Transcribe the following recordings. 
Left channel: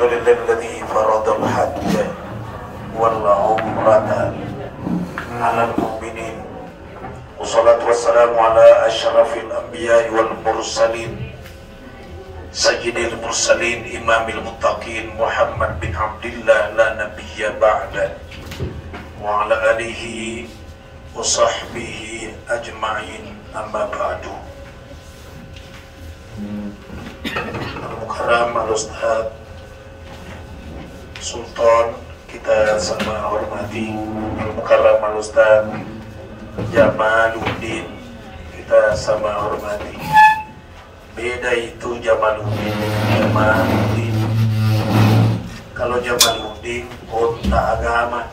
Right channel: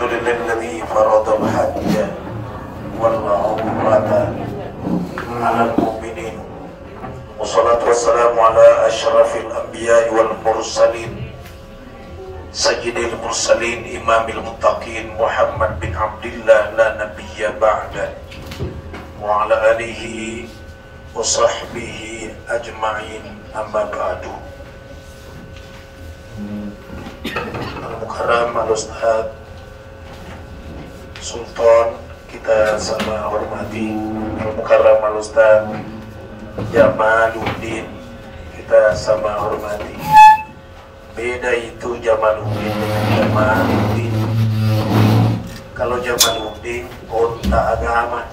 Alhamdulillahilladzi faradal hajja wal umrata 'alal mu'minin. Wassalatu wassalamu ala asyrafil anbiya'i wal mursalin sayyidil mursalin imamil muttaqin Muhammad bin Abdillah la nabiyya ba'da wa ala alihi wa sahbihi ajma'in amma ba'du. Al-Mukarram Al-Ustadz Sultan kita sama hormati, Al-Mukarram Al-Ustadz Jamaluddin kita sama hormati. Beda itu Jamaluddin dengan Jamaluddin. Kalau Jamaluddin otak agama,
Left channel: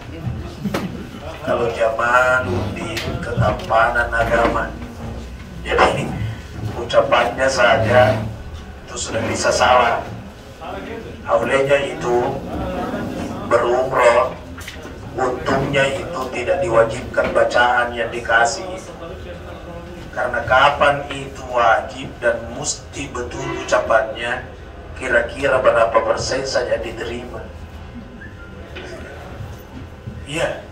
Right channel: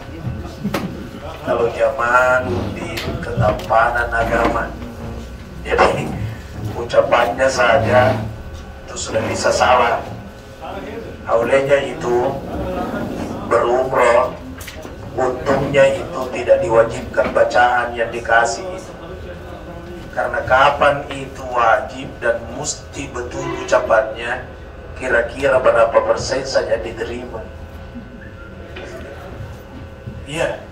kalau Jamaluddin ketampanan agama. Jadi ucapannya saja itu sudah bisa salah. Olehnya itu berumroh, untungnya itu tidak diwajibkan bacaan yang dikasih. Karena kapan itu wajib dan mesti betul ucapannya, kira-kira berapa persen saja diterima. Iya.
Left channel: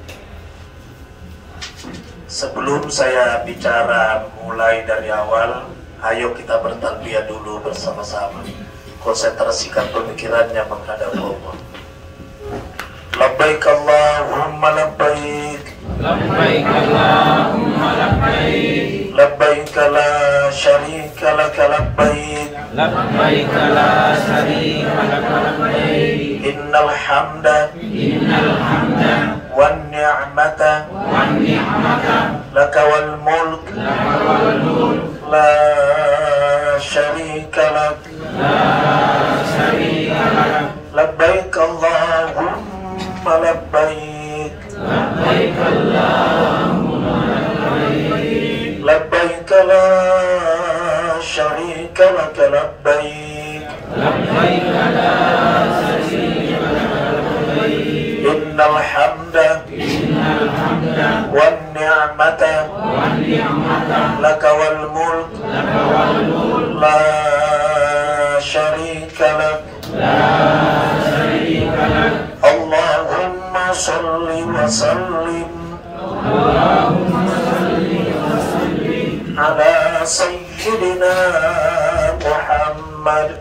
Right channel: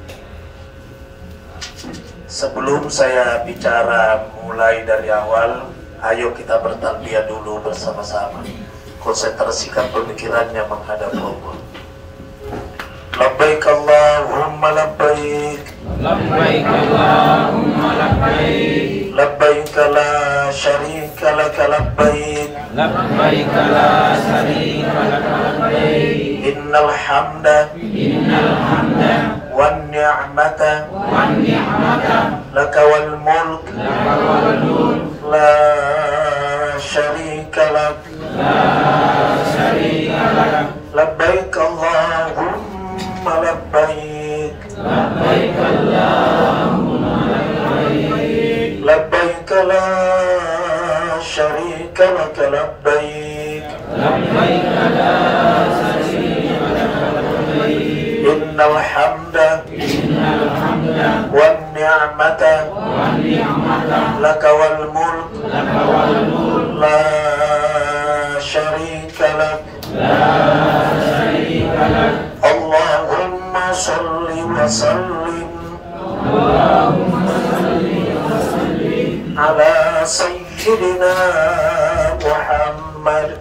Sebelum saya bicara mulai dari awal, ayo kita bertalbiyah dulu bersama-sama. Konsentrasikan pemikirannya menghadap Allah. Labbaik Allahumma labbaik. Labbaik Allahumma labbaik. Labbaik la syarika laka labbaik. Labbaik la syarika laka labbaik. Innal hamda wan ni'mata laka wal mulk la syarika lak. Labbaik Allahumma labbaik. Labbaik Allahumma labbaik. Labbaik la syarika laka labbaik. Labbaik la syarika laka labbaik. Innal hamda wan ni'mata laka wal mulk la syarika lak. Allahumma salli wa sallim ala sayyidina Muhammad.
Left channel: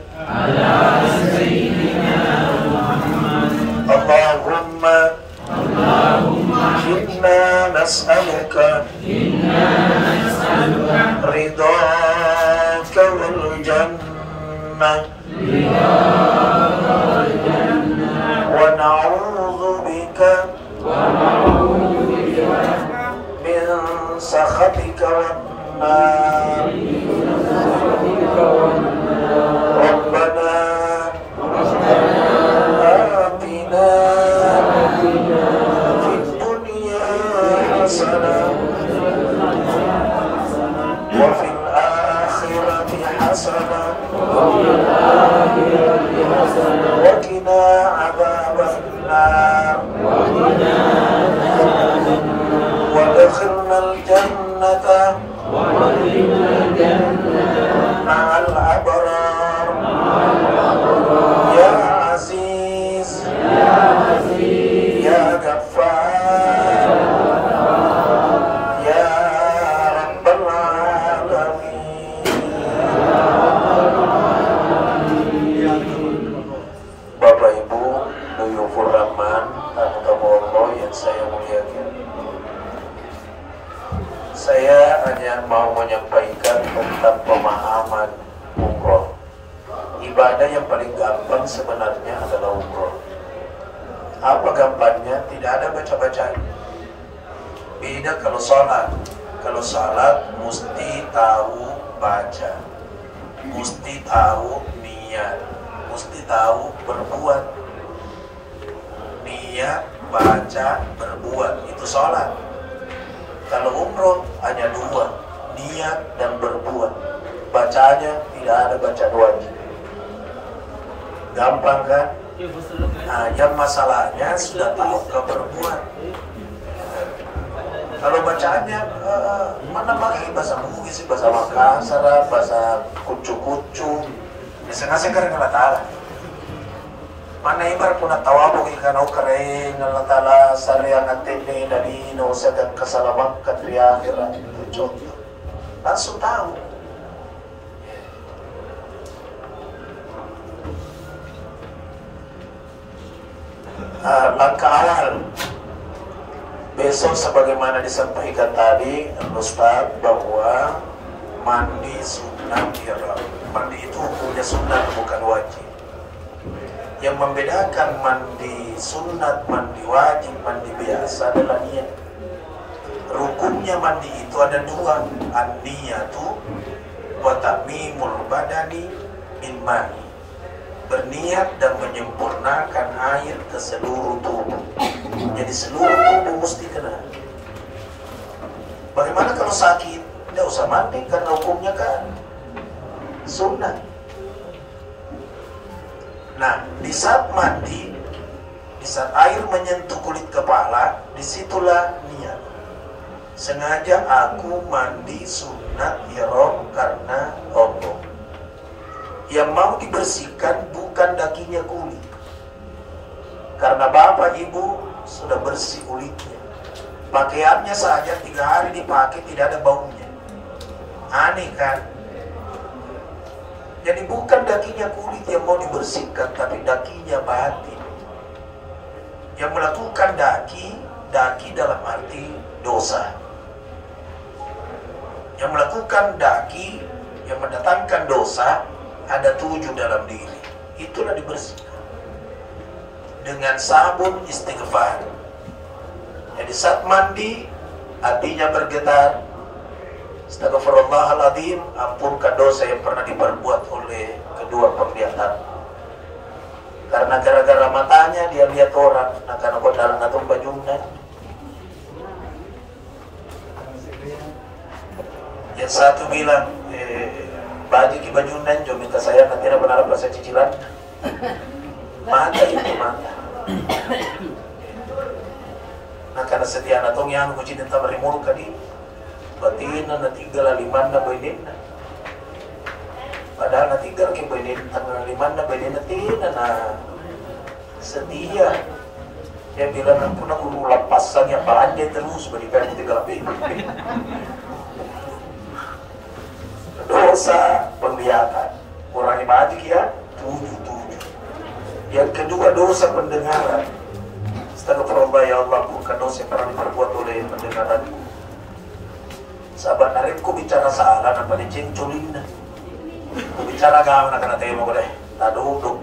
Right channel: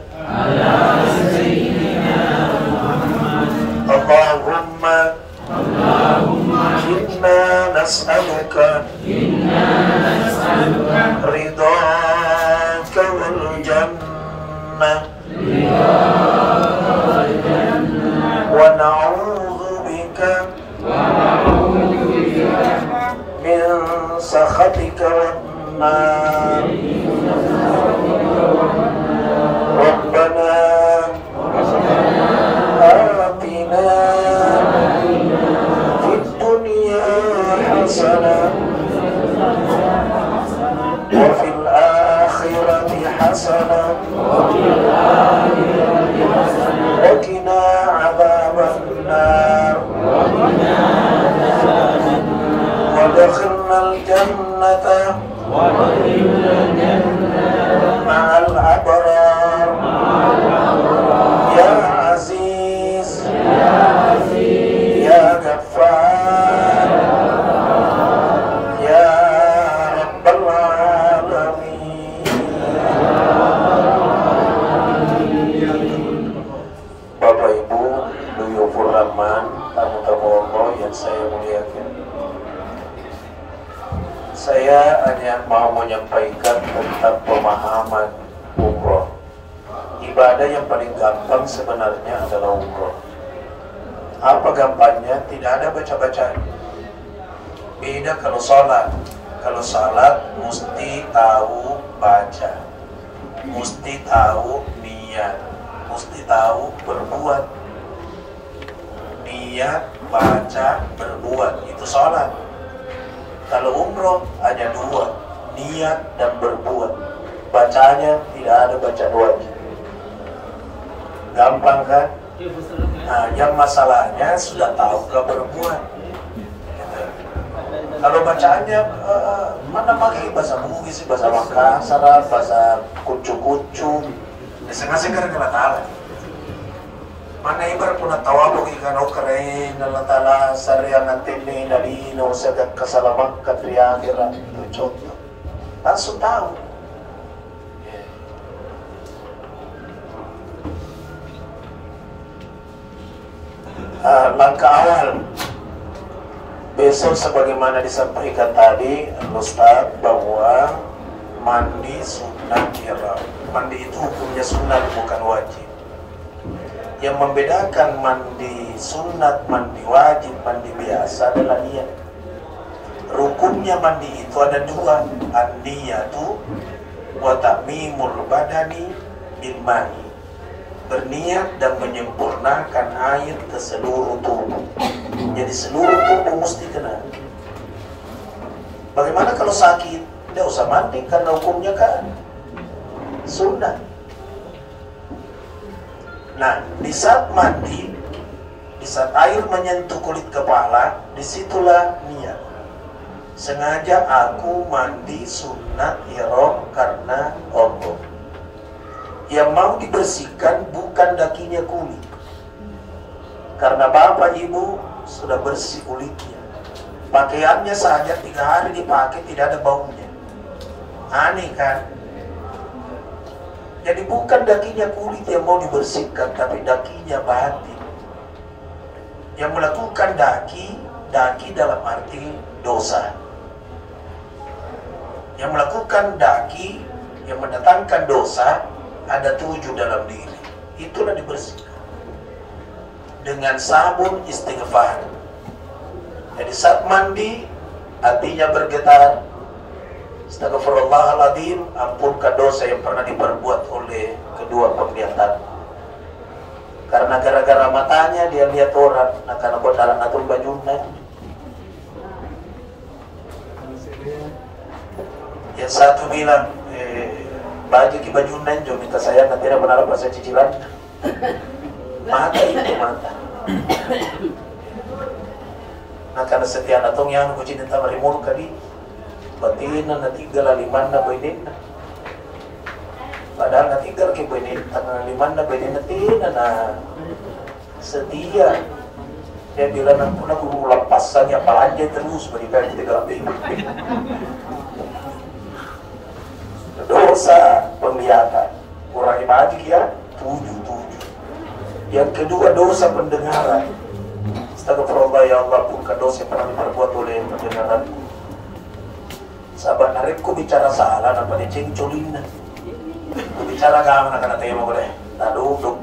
Allahumma inna nas'aluka ridhaka wal jannah wa na'udzu bika min sakhatika wan nar. Rabbana atina fid dunya hasanah wa fil akhirati hasanah wa qina adzaban nar. Wa adkhilnal jannata ma'al abrar ya aziz ya ghaffar ya rabbal alamin. Bapak Ibu Duyufur Rahman, tamu-tamu Allah yang saya muliakan, saya hanya mau menyampaikan tentang pemahaman umroh. Ibadah yang paling gampang sebenarnya adalah umroh. Apa gampangnya? Tidak ada baca-bacaan. Beda kalau sholat. Kalau sholat mesti tahu baca, mesti tahu niat, mesti tahu berbuat. Niat, baca, berbuat, itu sholat. Kalau umroh hanya dua, niat dan berbuat. Bacanya tidak ada bacaan wajib. Gampang kan? Nah, yang masalahnya sudah tahukah berbuat? Kalau bacaannya mana pakai bahasa Bugis, bahasa Makassar, bahasa kucu-kucu, biasanya sekarang nggak tahu. Mana ibar pun tawabu ikan au keren Allah Ta'ala sarang antene dari no sedang kesalamat di akhirat. Itu contoh. Langsung tahu. Langkah awal besok sebagaimana disampaikan tadi Ustaz bahwa mandi sunat ihram. Mandi itu hukumnya sunat bukan wajib. Yang membedakan mandi sunat, mandi wajib, mandi biasa adalah niat. Rukunnya mandi itu ada dua, an-niyatu wa ta'mimul badani bil ma'i. Berniat dan menyempurnakan air ke seluruh tubuh. Jadi seluruh tubuh mesti kena. Bagaimana kalau sakit? Tidak usah mandi karena hukumnya kan sunat. Nah, di saat mandi, di saat air menyentuh kulit kepala, disitulah niat. Sengaja aku mandi sunat ihram karena Allah. Yang mau dibersihkan bukan dakinya kulit, karena bapak ibu sudah bersih kulitnya. Pakaiannya saja 3 hari dipakai tidak ada baunya. Aneh kan? Jadi bukan dakinya kulit yang mau dibersihkan, tapi dakinya batin. Yang melakukan daki dalam arti dosa. Yang melakukan daki, yang mendatangkan dosa, ada 7 dalam diri. Itulah dibersihkan. Dengan sabun istighfar. Jadi saat mandi, hatinya bergetar. Astagfirullahaladzim, ampunkan dosa yang pernah diperbuat oleh kedua penglihatan. Karena gara-gara matanya dia lihat orang, akan aku dalam atur bajunya. Yang satu bilang, baju ki bajunan, jom minta saya nanti nak menara pasal cicilan. Mata itu mata. Nah karena setiap natong yang aku cinta marimur kadi. Batina na 3 laliman na bainin na. Padahal na 3 kay bainin, tanggal 5 na bainin na tina na setia. Dia bilang na puna kung lampasan niya palanjay terus berikan 3 lebih. Dosa penglihatan, kurang ibadah ya 7. Yang kedua dosa pendengaran. Astagfirullah ya Allah, bukan dosa yang pernah diperbuat oleh pendengaranku. Sahabat narikku bicara salah, apa dia cinculin na. Ku bicara gaman akan natin mo ko deh. Nadudog.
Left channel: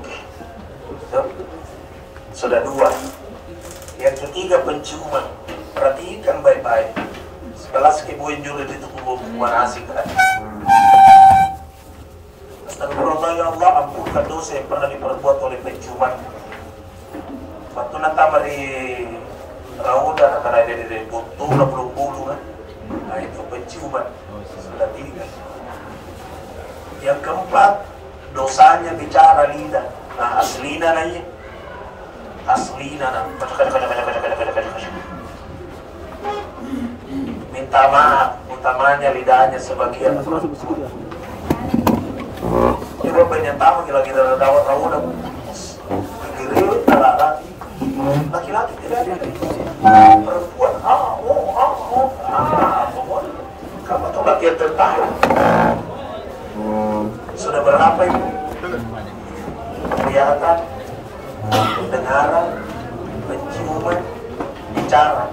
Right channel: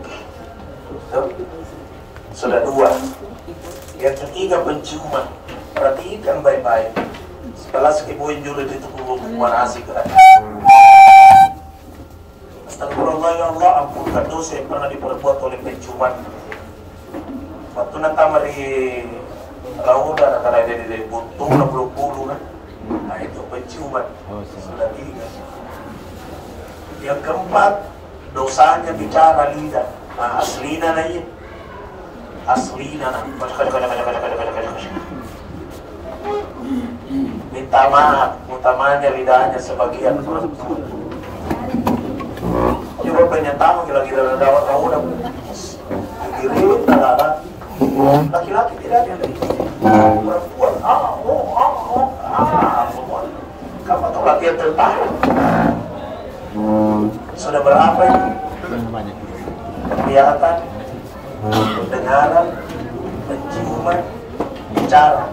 Sudah 2. Yang ketiga penciuman. Perhatikan baik-baik. Setelah sekibuin juri itu hubungan asik kan. Astagfirullah ya Allah, ampunkan dosa yang pernah diperbuat oleh penciuman. Waktu natamari kauda akan ada di butuh na bulu-bulu kan. Nah itu penciuman. Sudah 3. Yang keempat, dosanya bicara lidah. Nah, aslina na yun. Aslina na. Minta maaf, utamanya lidahnya sebagian perempuan. Coba banyak tamu lagi dalam daun kamu dah. Kiri, tarara. Laki-laki tidak ada. Perempuan, kamu tuh latihan tentara. Sudah berapa itu? Penglihatan, pendengaran, penciuman, bicara.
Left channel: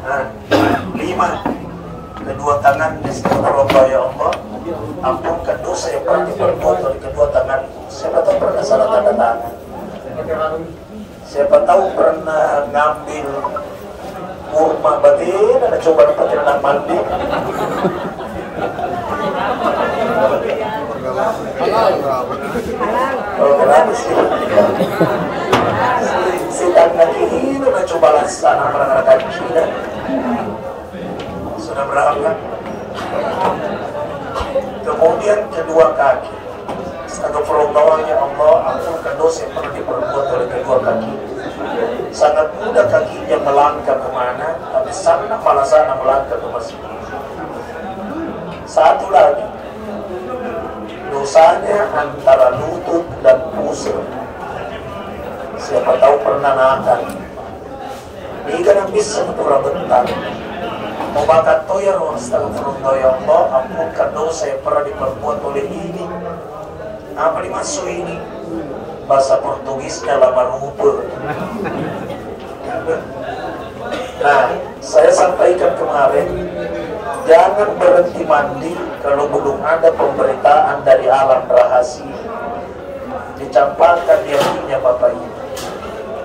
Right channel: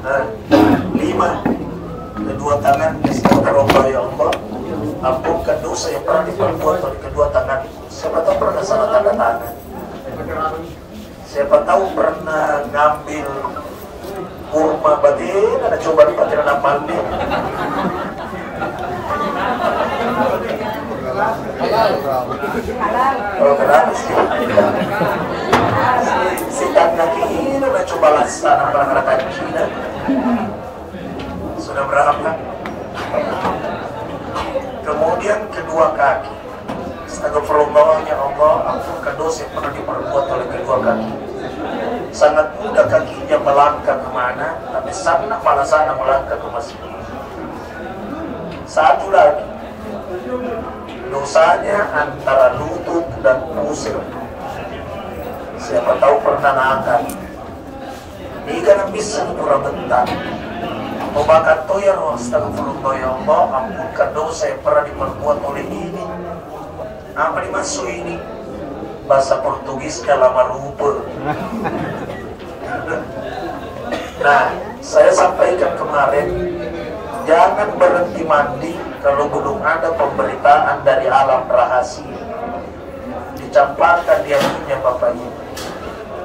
Nah, 5. Kedua tangan, astagfirullah ya Allah, ampunkan dosa yang pernah diperbuat oleh kedua tangan. Siapa tahu pernah salah tanda tangan. Siapa tahu pernah ngambil kurma batin, ada coba nempatin anak mandi. Oh kenapa sih? Si tangan ini udah coba laksana anak-anak kecil. Sudah berapa? Kemudian kedua kaki. Astagfirullah ya Allah, ampunkan dosa yang pernah diperbuat oleh kedua kaki. Sangat mudah kakinya melangkah kemana, tapi sangat malah sana melangkah ke masjid. Satu lagi, dosanya antara lutut dan pusir. Siapa tahu pernah nakal. Ikan yang bisa pura bentar. Mau bakat toya roh, astagfirullah ya Allah, ampunkan dosa yang pernah diperbuat oleh ini. Apa dimaksud ini? Bahasa Portugisnya lama lupa. Nah, saya sampaikan kemarin, jangan berhenti mandi kalau belum ada pemberitaan dari alam rahasia. Dicampakkan dia punya Bapak ini.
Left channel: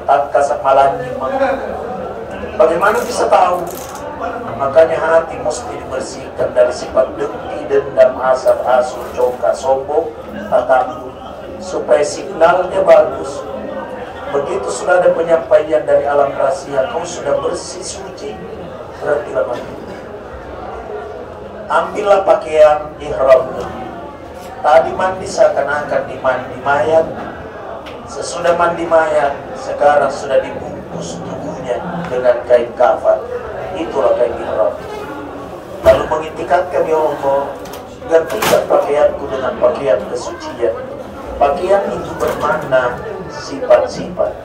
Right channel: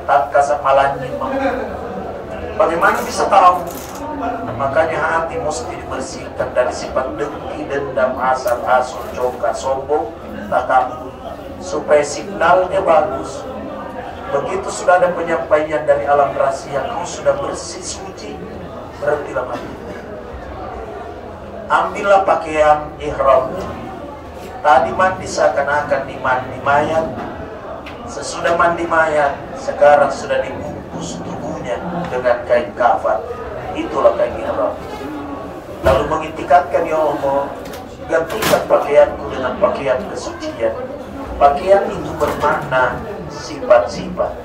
Tak kasat malani. Bagaimana bisa tahu? Makanya hati mesti dibersihkan dari sifat dengki, dendam, hasad, hasut, coka, sombong, takabur, supaya signalnya bagus. Begitu sudah ada penyampaian dari alam rahasia, kau sudah bersih suci, berhentilah mandi. Ambillah pakaian ihram. Tadi mandi seakan-akan dimandi mayat. Sesudah mandi mayat, sekarang sudah dibungkus tubuhnya dengan kain kafan. Itulah kain ihram. Lalu mengitikadkan, ya Allah, gantikan pakaianku dengan pakaian kesucian. Pakaian itu bermakna sifat-sifat.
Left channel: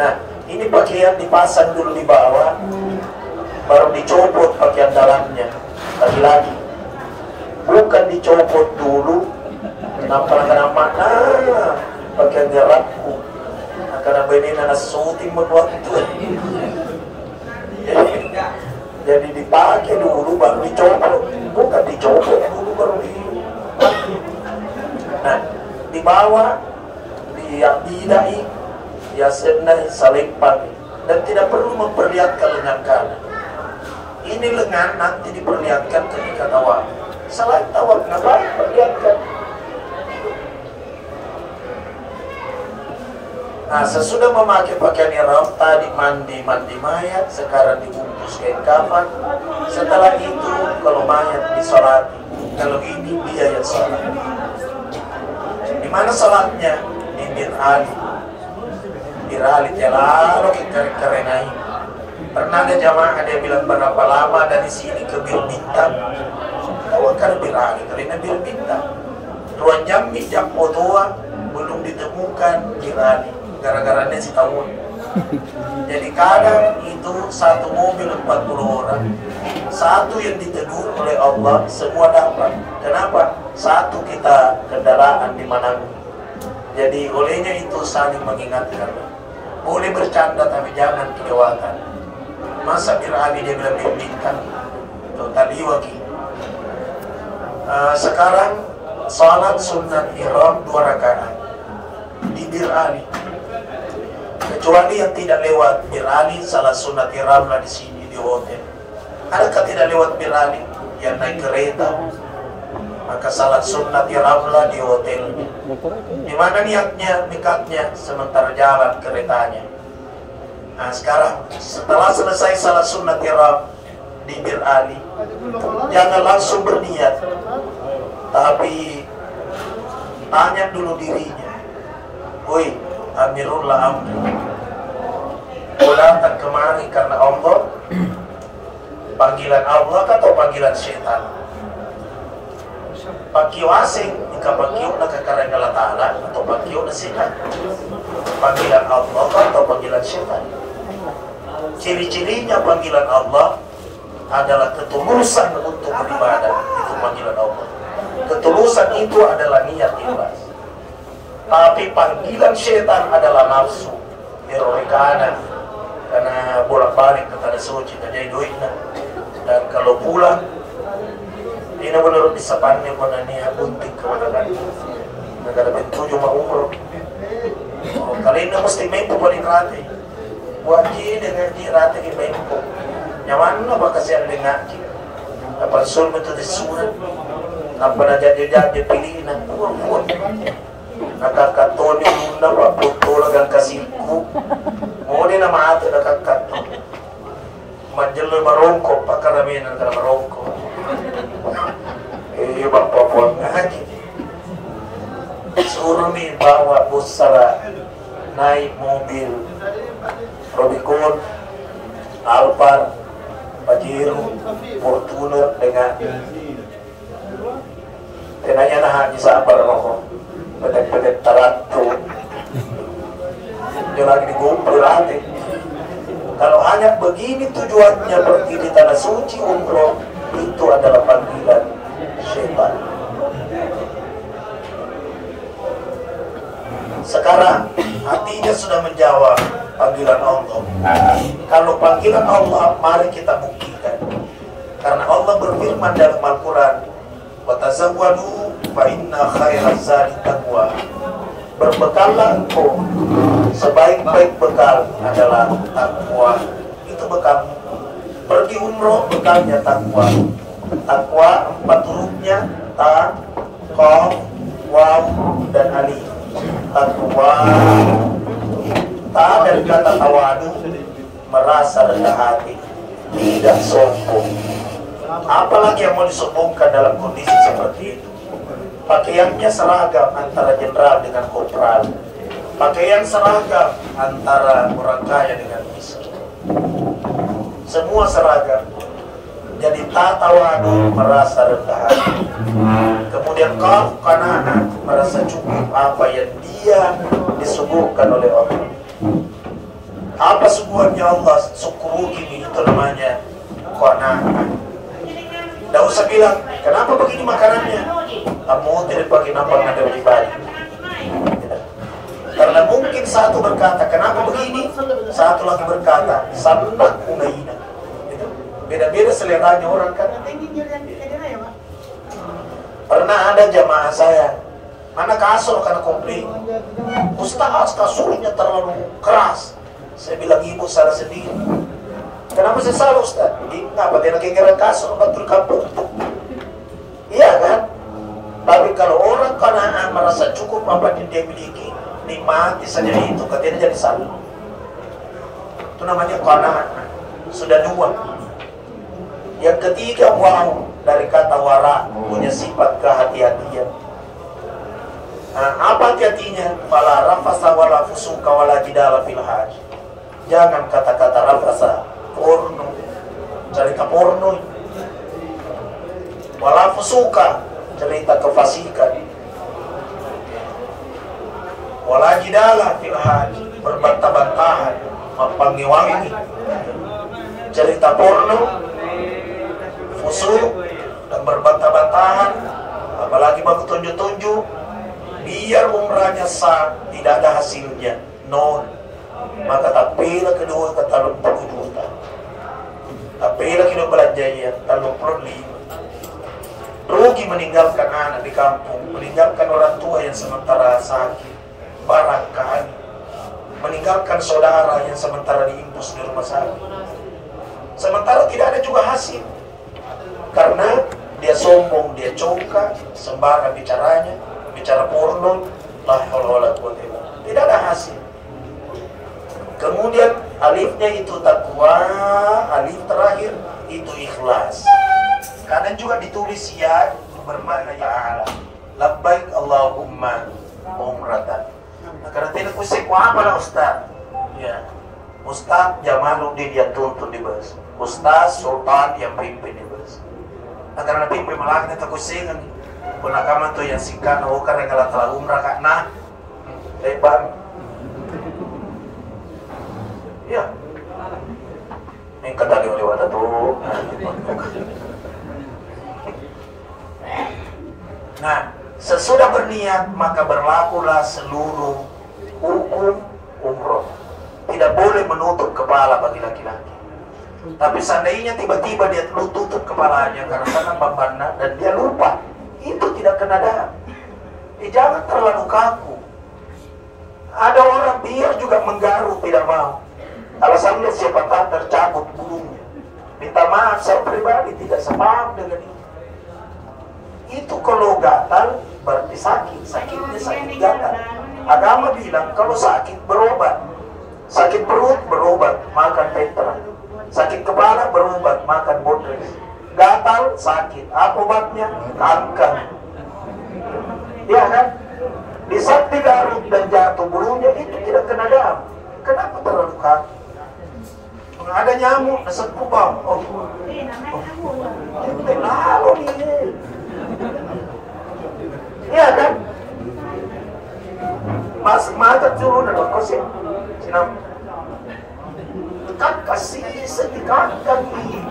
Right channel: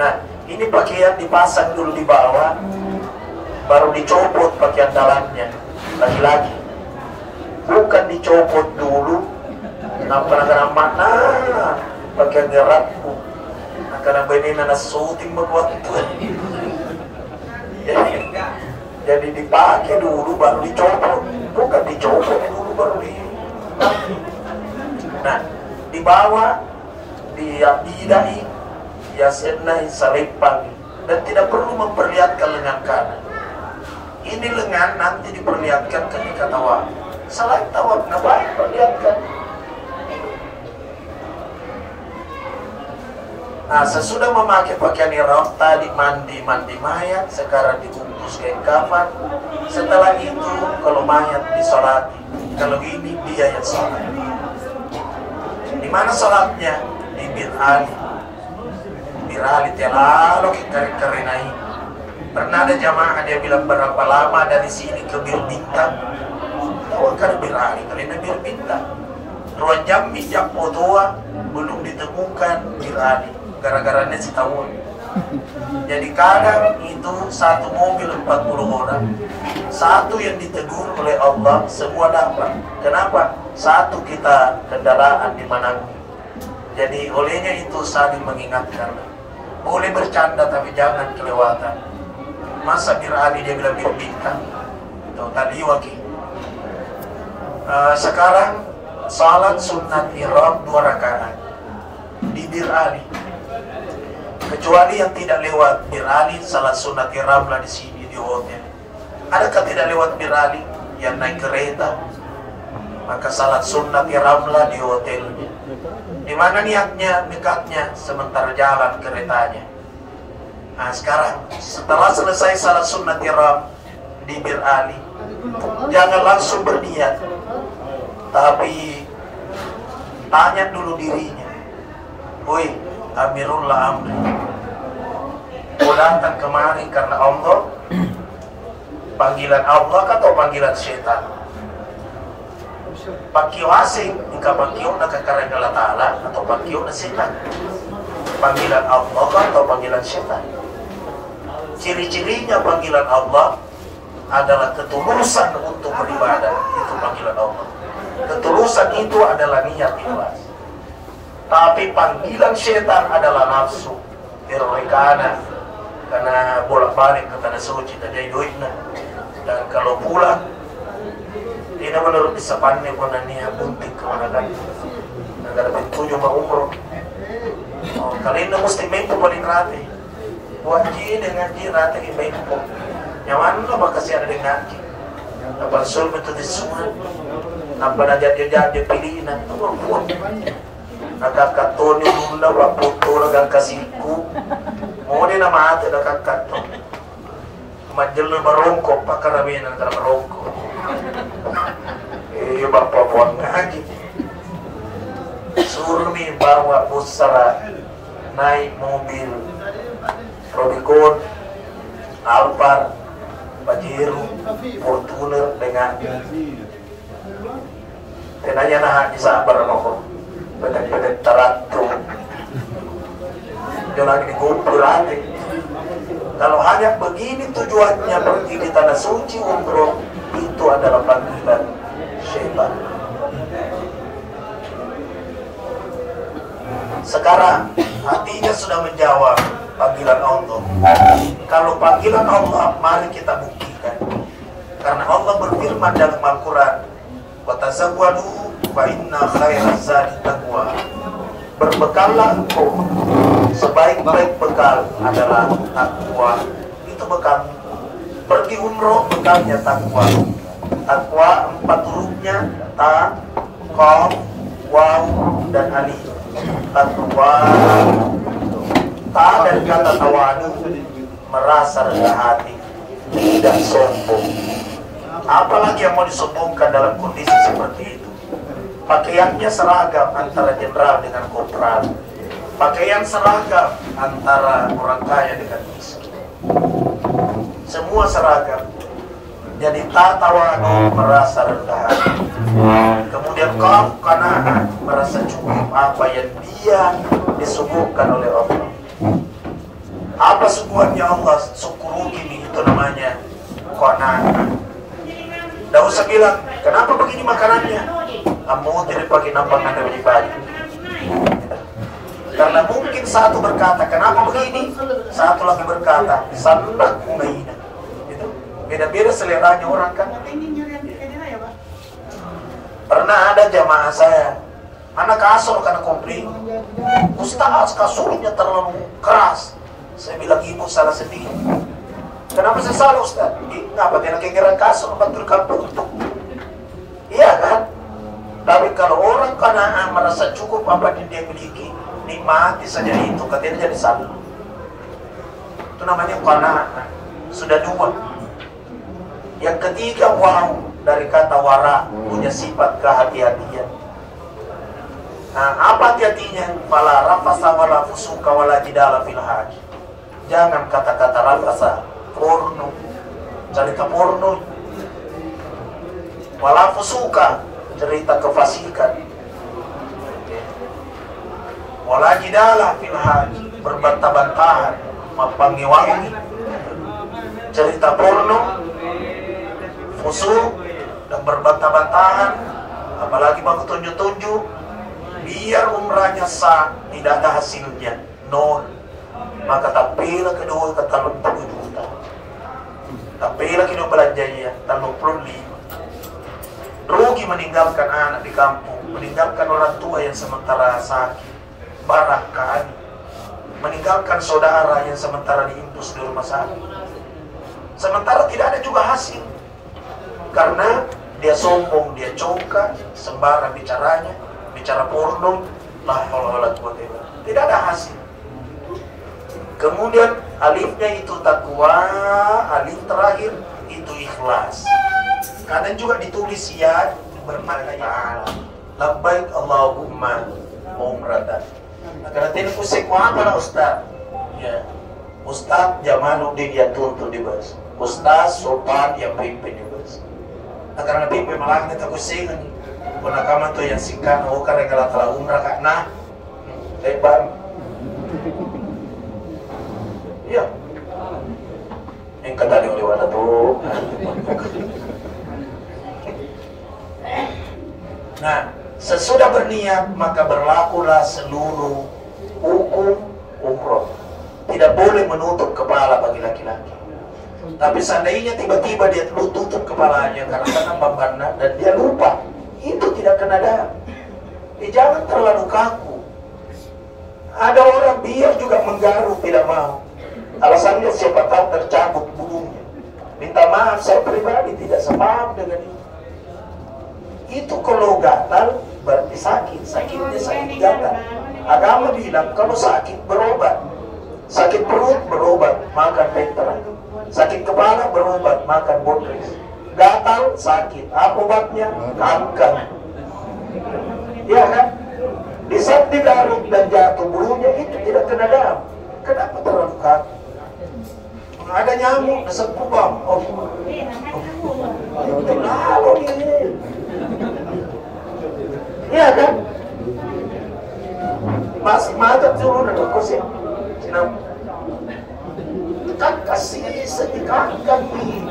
Nah, ini pakaian dipasang dulu di bawah, baru dicopot pakaian dalamnya. Lagi-lagi, bukan dicopot dulu. Nampak makna pakaian gerakku. Karena benih nana syuting begitu. Jadi dipakai dulu baru dicopot, bukan dicopot dulu baru dipakai. Nah, di bawah didai, yasenai salepang, dan tidak perlu memperlihatkan lengan kanan. Ini lengan nanti diperlihatkan ketika tawaf. Selain tawaf, ngapain perlihatkan? Nah, sesudah memakai pakaian ihram, tadi mandi mayat, sekarang dibungkus kain kafan. Setelah itu, kalau mayat disolati, kalau ini dia yang sholat. Di mana sholatnya? Di Bir Ali. Bir Ali lalu kita kerenai. Pernah ada jamaah dia bilang berapa lama dari sini ke Bir Bintang? Tahu kan Bir Ali? Karena Bir Bintang 2 jam jam fotoan belum ditemukan Bir Ali. Gara-garanya si tahun. Jadi kadang itu satu mobil 40 orang, satu yang ditegur oleh Allah, semua dapat. Kenapa? Satu kita kendaraan di mana. Jadi olehnya itu saling mengingatkan. Boleh bercanda tapi jangan kelewatan. Masa Bir Ali dia bilang Bir Bintang atau tadi waki. Sekarang salat sunat ihram 2 rakaat di Bir Ali. Kecuali yang tidak lewat Bir Ali, salat sunat ihram lah di sini di hotel. Adakah tidak lewat Bir Ali yang naik kereta? Maka salat sunat ihram lah di hotel. Di mana niatnya dekatnya sementara jalan keretanya. Nah sekarang setelah selesai salat sunat ihram di Bir Ali, jangan langsung berniat, tapi tanya dulu dirinya. Woi, Amirullah Amri, kau datang kemari karena Allah, panggilan Allah atau panggilan setan? Pakio asing, jika pakio nak karena Allah Ta'ala atau pakio na setan? Panggilan Allah atau panggilan setan? Ciri-cirinya panggilan Allah adalah ketulusan untuk beribadah, itu panggilan Allah. Ketulusan itu adalah niat ikhlas. Tapi panggilan setan adalah nafsu, terorikana, karena bolak-balik ke tanah suci tadi duitnya. Dan kalau pulang, ini menurut disapannya pada niat bunting kemana kan? Negara pintu cuma umroh. Oh, kali ini mesti mempu balik rati. Wajib dengan rati ke mempu. Nyaman lah bakal siapa dengan ngaji. Dapat sul betul disurat. Nampak nak jadi pilihan. Buat. Nakakato ni Lula paputulagan kasiku. Mo din na maate nakakato. Majalo barongko pakaraminan ka barongko. Ibang papuan ngaji. Suruh mi bawa busara naik mobil Rubicon, Alphard, Pajero, Fortuner dengan tenanya nahan di sabar ako. Petek-petek tarato lagi digumpul lagi. Kalau hanya begini tujuannya pergi di tanah suci umroh, itu adalah panggilan syaitan. Sekarang hatinya sudah menjawab panggilan Allah. Kalau panggilan Allah, mari kita buktikan. Karena Allah berfirman dalam Al-Quran, wa tazawwadu fa inna khairaz zadi taqwa. Berbekallah engkau, sebaik-baik bekal adalah takwa. Itu bekal. Pergi umroh, bekalnya takwa. Takwa 4 hurufnya, ta, qaf, waw, dan alif. Takwa. Ta dari kata tawadu, merasa rendah hati, tidak sombong. Apalagi yang mau disombongkan dalam kondisi seperti itu? Pakaiannya seragam antara jenderal dengan kopral. Pakaian seragam antara orang kaya dengan miskin. Semua seragam. Jadi tatawadu, merasa rendah hati. Kemudian qaf, qanaah, merasa cukup apa yang dia disuguhkan oleh Allah. Apa suguhannya Allah? Syukuru gini, itu namanya qanaah. Tidak usah bilang, kenapa begini makanannya? Kamu tidak pakai nampak Anda pribadi. Karena mungkin satu berkata, kenapa begini? Satu lagi berkata, sandak kunaina. Itu beda-beda seleranya orang kan. Pernah ada jamaah saya, mana kasur karena komplain. Ustaz, kasurnya terlalu keras. Saya bilang, ibu salah sendiri. Kenapa saya salah, Ustaz? Ngapa dia kira kasur betul kampung? Iya kan? Tapi kalau orang Qanaah merasa cukup apa yang dia miliki, nikmati saja itu, katanya jadi salah. Itu namanya Qanaah. Sudah 2. Yang ketiga, wow, dari kata wara, punya sifat kehati-hatian. Nah, apa hati-hatinya? Fala rafasa wala fusuka wala jidala fil hajj. Jangan kata-kata rafasa, porno, cerita porno. Wala fusuka, cerita kefasikan. Wala jidala fil hajj, berbantah-bantahan, mempanggil-wangi. Cerita porno, fusuk, dan berbantah-bantahan, apalagi baku tunjuk-tunjuk, biar umrahnya sah, tidak ada hasilnya, nol. Maka tapilah kedua ke talon 7 juta. Tapilah kedua belanjanya talon 5. Rugi meninggalkan anak di kampung, meninggalkan orang tua yang sementara sakit, barangkali meninggalkan saudara yang sementara diimpus di rumah sakit. Sementara tidak ada juga hasil. Karena dia sombong, dia congkak, sembarang bicaranya, bicara porno, la haula wala quwwata illa billah. Tidak ada hasil. Kemudian alifnya itu takwa, alif terakhir itu ikhlas. Kadang juga ditulis ya bermakna ta'ala. Labbaik Allahumma umratan. Karena tidak usah apa lah Ustaz. Ya. Ustaz Jamaluddin yang tuntun di bus. Ustaz Sultan yang pimpin di bus. Karena pimpin malah kita kusingan. Penakaman tu yang singkat, karena kalau telah umrah kak nah lebar. Ya, yang kadali oleh wadah tu. Nah, sesudah berniat maka berlakulah seluruh hukum umroh. Tidak boleh menutup kepala bagi laki-laki. Tapi seandainya tiba-tiba dia tutup kepalanya karena bebannya dan dia lupa, itu tidak kena darah. Jangan terlalu kaku. Ada orang biar juga menggaruk tidak mau. Alasannya siapa tahu tercabut bulunya. Minta maaf, saya pribadi tidak sepaham dengan itu. Itu kalau gatal berarti sakit. Sakitnya sakit gatal. Agama bilang kalau sakit berobat. Sakit perut berobat, makan Petra. Sakit kepala berobat, makan Bodres. Gatal sakit, apa obatnya? Angkat. Ya kan? Di saat digarut dan jatuh bulunya itu tidak kena darah. Kenapa terlalu kaku? Ada nyamuk, asap kubang. Lalu ini. Iya kan? Mas mata turun ada kursi. Kenapa? Kan kasih sedekahkan ini.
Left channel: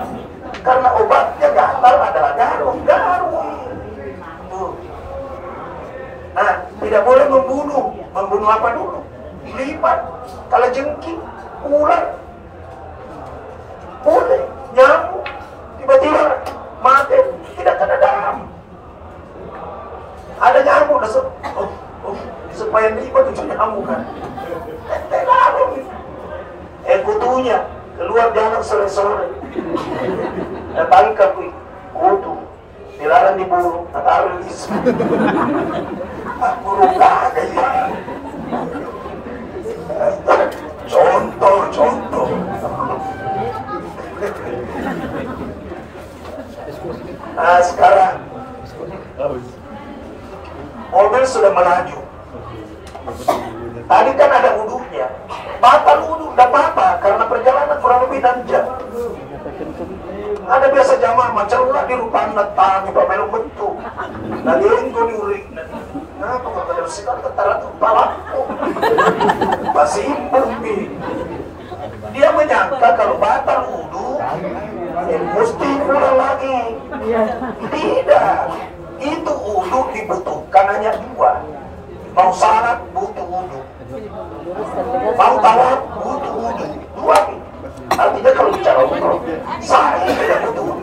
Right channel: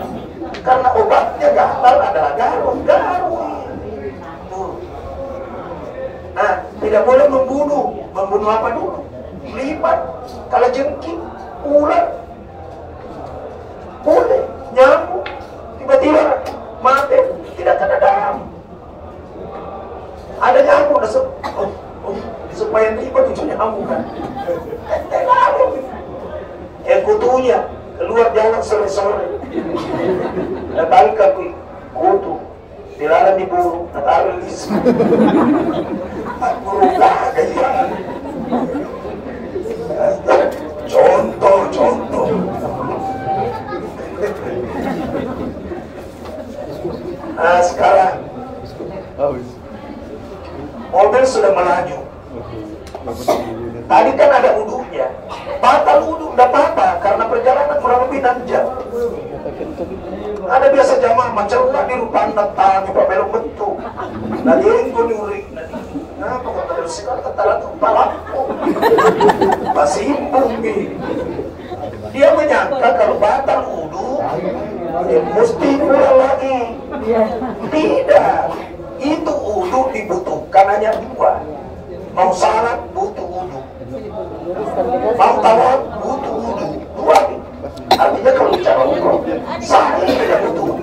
Karena obatnya gatal adalah garum. Nah, tidak boleh membunuh. Membunuh apa dulu? Lipat, kalau jengking, ular, boleh, nyamuk, tiba-tiba mati, tidak kena darah. Ada nyamuk, supaya lipat itu nyamuk kan. Lalu, kutunya keluar jalan sore-sore, dan tangkap kutu, dilarang dibunuh, taruh di aku lupa dari contoh. Nah sekarang mobil sudah melaju. Tadi kan ada wudunya, batal wudu, tidak apa-apa karena perjalanan kurang lebih 6 jam. Ada biasa jamaah mencerlah di rupa anda tangi pemelu bentuk dari engkau diurik. Nah, kalau ada sekarang ketara kepala masih impung nih. Dia menyangka kalau batal wudu mesti pulang lagi. Tidak, itu wudu dibutuhkan hanya 2. Mau salat butuh wudu, mau tawaf butuh wudu, 2. Artinya kalau bicara umroh, sa'i tidak butuh,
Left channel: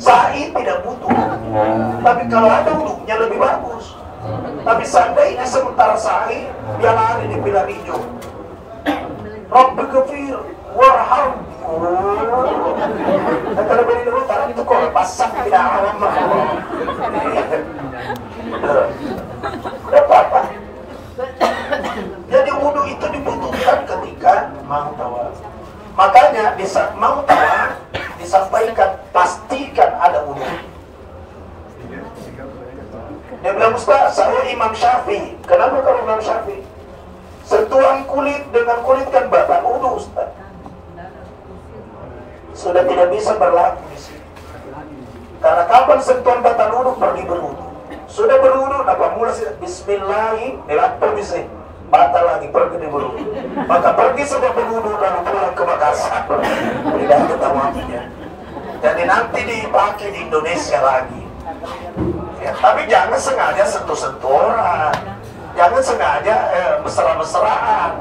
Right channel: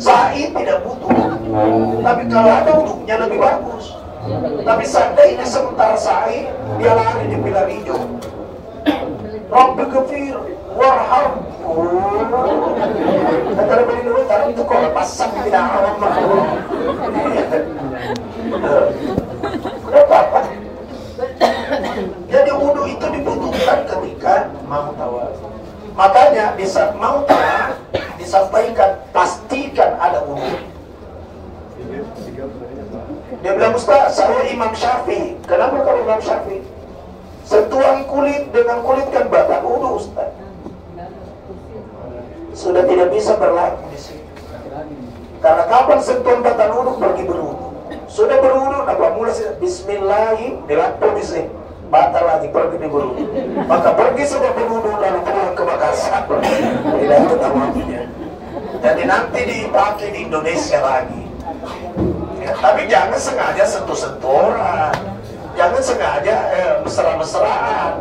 sa'i tidak butuh. Tapi kalau ada wudunya lebih bagus. Tapi seandainya sementara sa'i dia lari di pilar hijau, Rabbi ghafir warhamku. Kata Rabbi dulu kalau itu kalau pasang tidak alam apa. Jadi wudu itu dibutuhkan ketika mau tawaf. Makanya di saat mau tawaf disampaikan pastikan ada wudu. Dia bilang, Ustaz, saya Imam Syafi'i. Kenapa kalau Imam Syafi'i? Sentuhan kulit dengan kulit kan batal wudu, Ustaz. Sudah tidak bisa berlaku di sini. Karena kapan sentuhan batal wudu? Pergi berwudu. Sudah berwudu, apa mulai Bismillahi dilakukan di sini. Batal lagi, pergi di wudu. Maka pergi sudah berwudu lalu pulang ke Makassar. Tidak ada tawafinya. Jadi nanti dipakai di Indonesia lagi. Ya, tapi jangan sengaja sentuh-sentuh orang, jangan sengaja mesra-mesraan.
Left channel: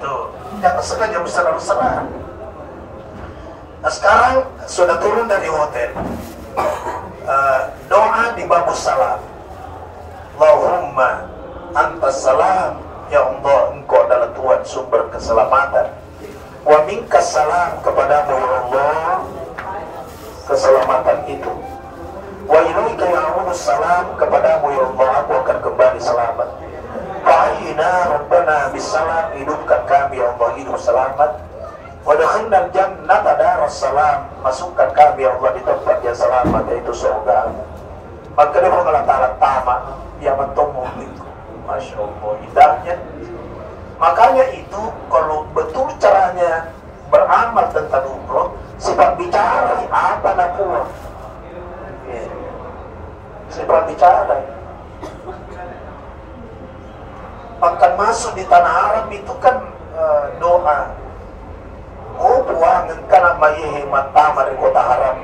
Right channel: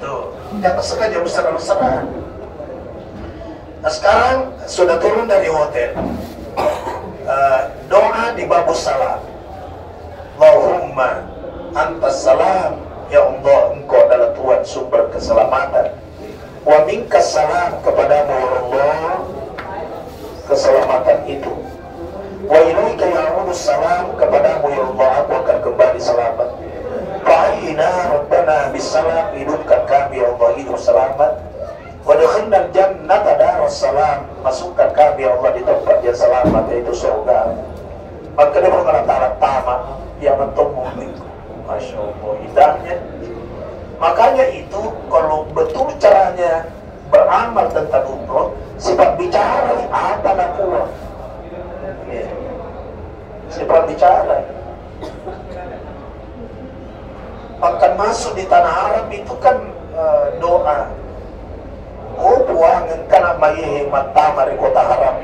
Tuh, jangan sengaja mesra-mesraan. Nah sekarang sudah turun dari hotel, doa di babus salam. Allahumma antas salam, ya Allah engkau adalah Tuhan sumber keselamatan. Wa minkas salam, kepadamu ya Allah keselamatan itu. Wa ilaika ya'udus salam, kepadamu ya Allah aku akan kembali selamat. Fa'ina rabbana bisalam, hidupkan kami ya Allah hidup selamat. Wa dakhalna jannata daras salam, masukkan kami ya Allah di tempat yang selamat yaitu surga. Maka dia mengalah tamat dia bertemu. Masya Allah indahnya. Makanya itu kalau betul caranya beramal tentang umroh, sifat bicara apa nakwa. Sifat bicara. Bahkan masuk di tanah Arab itu kan doa. Oh puangan kana mayehe matama di kota Arab.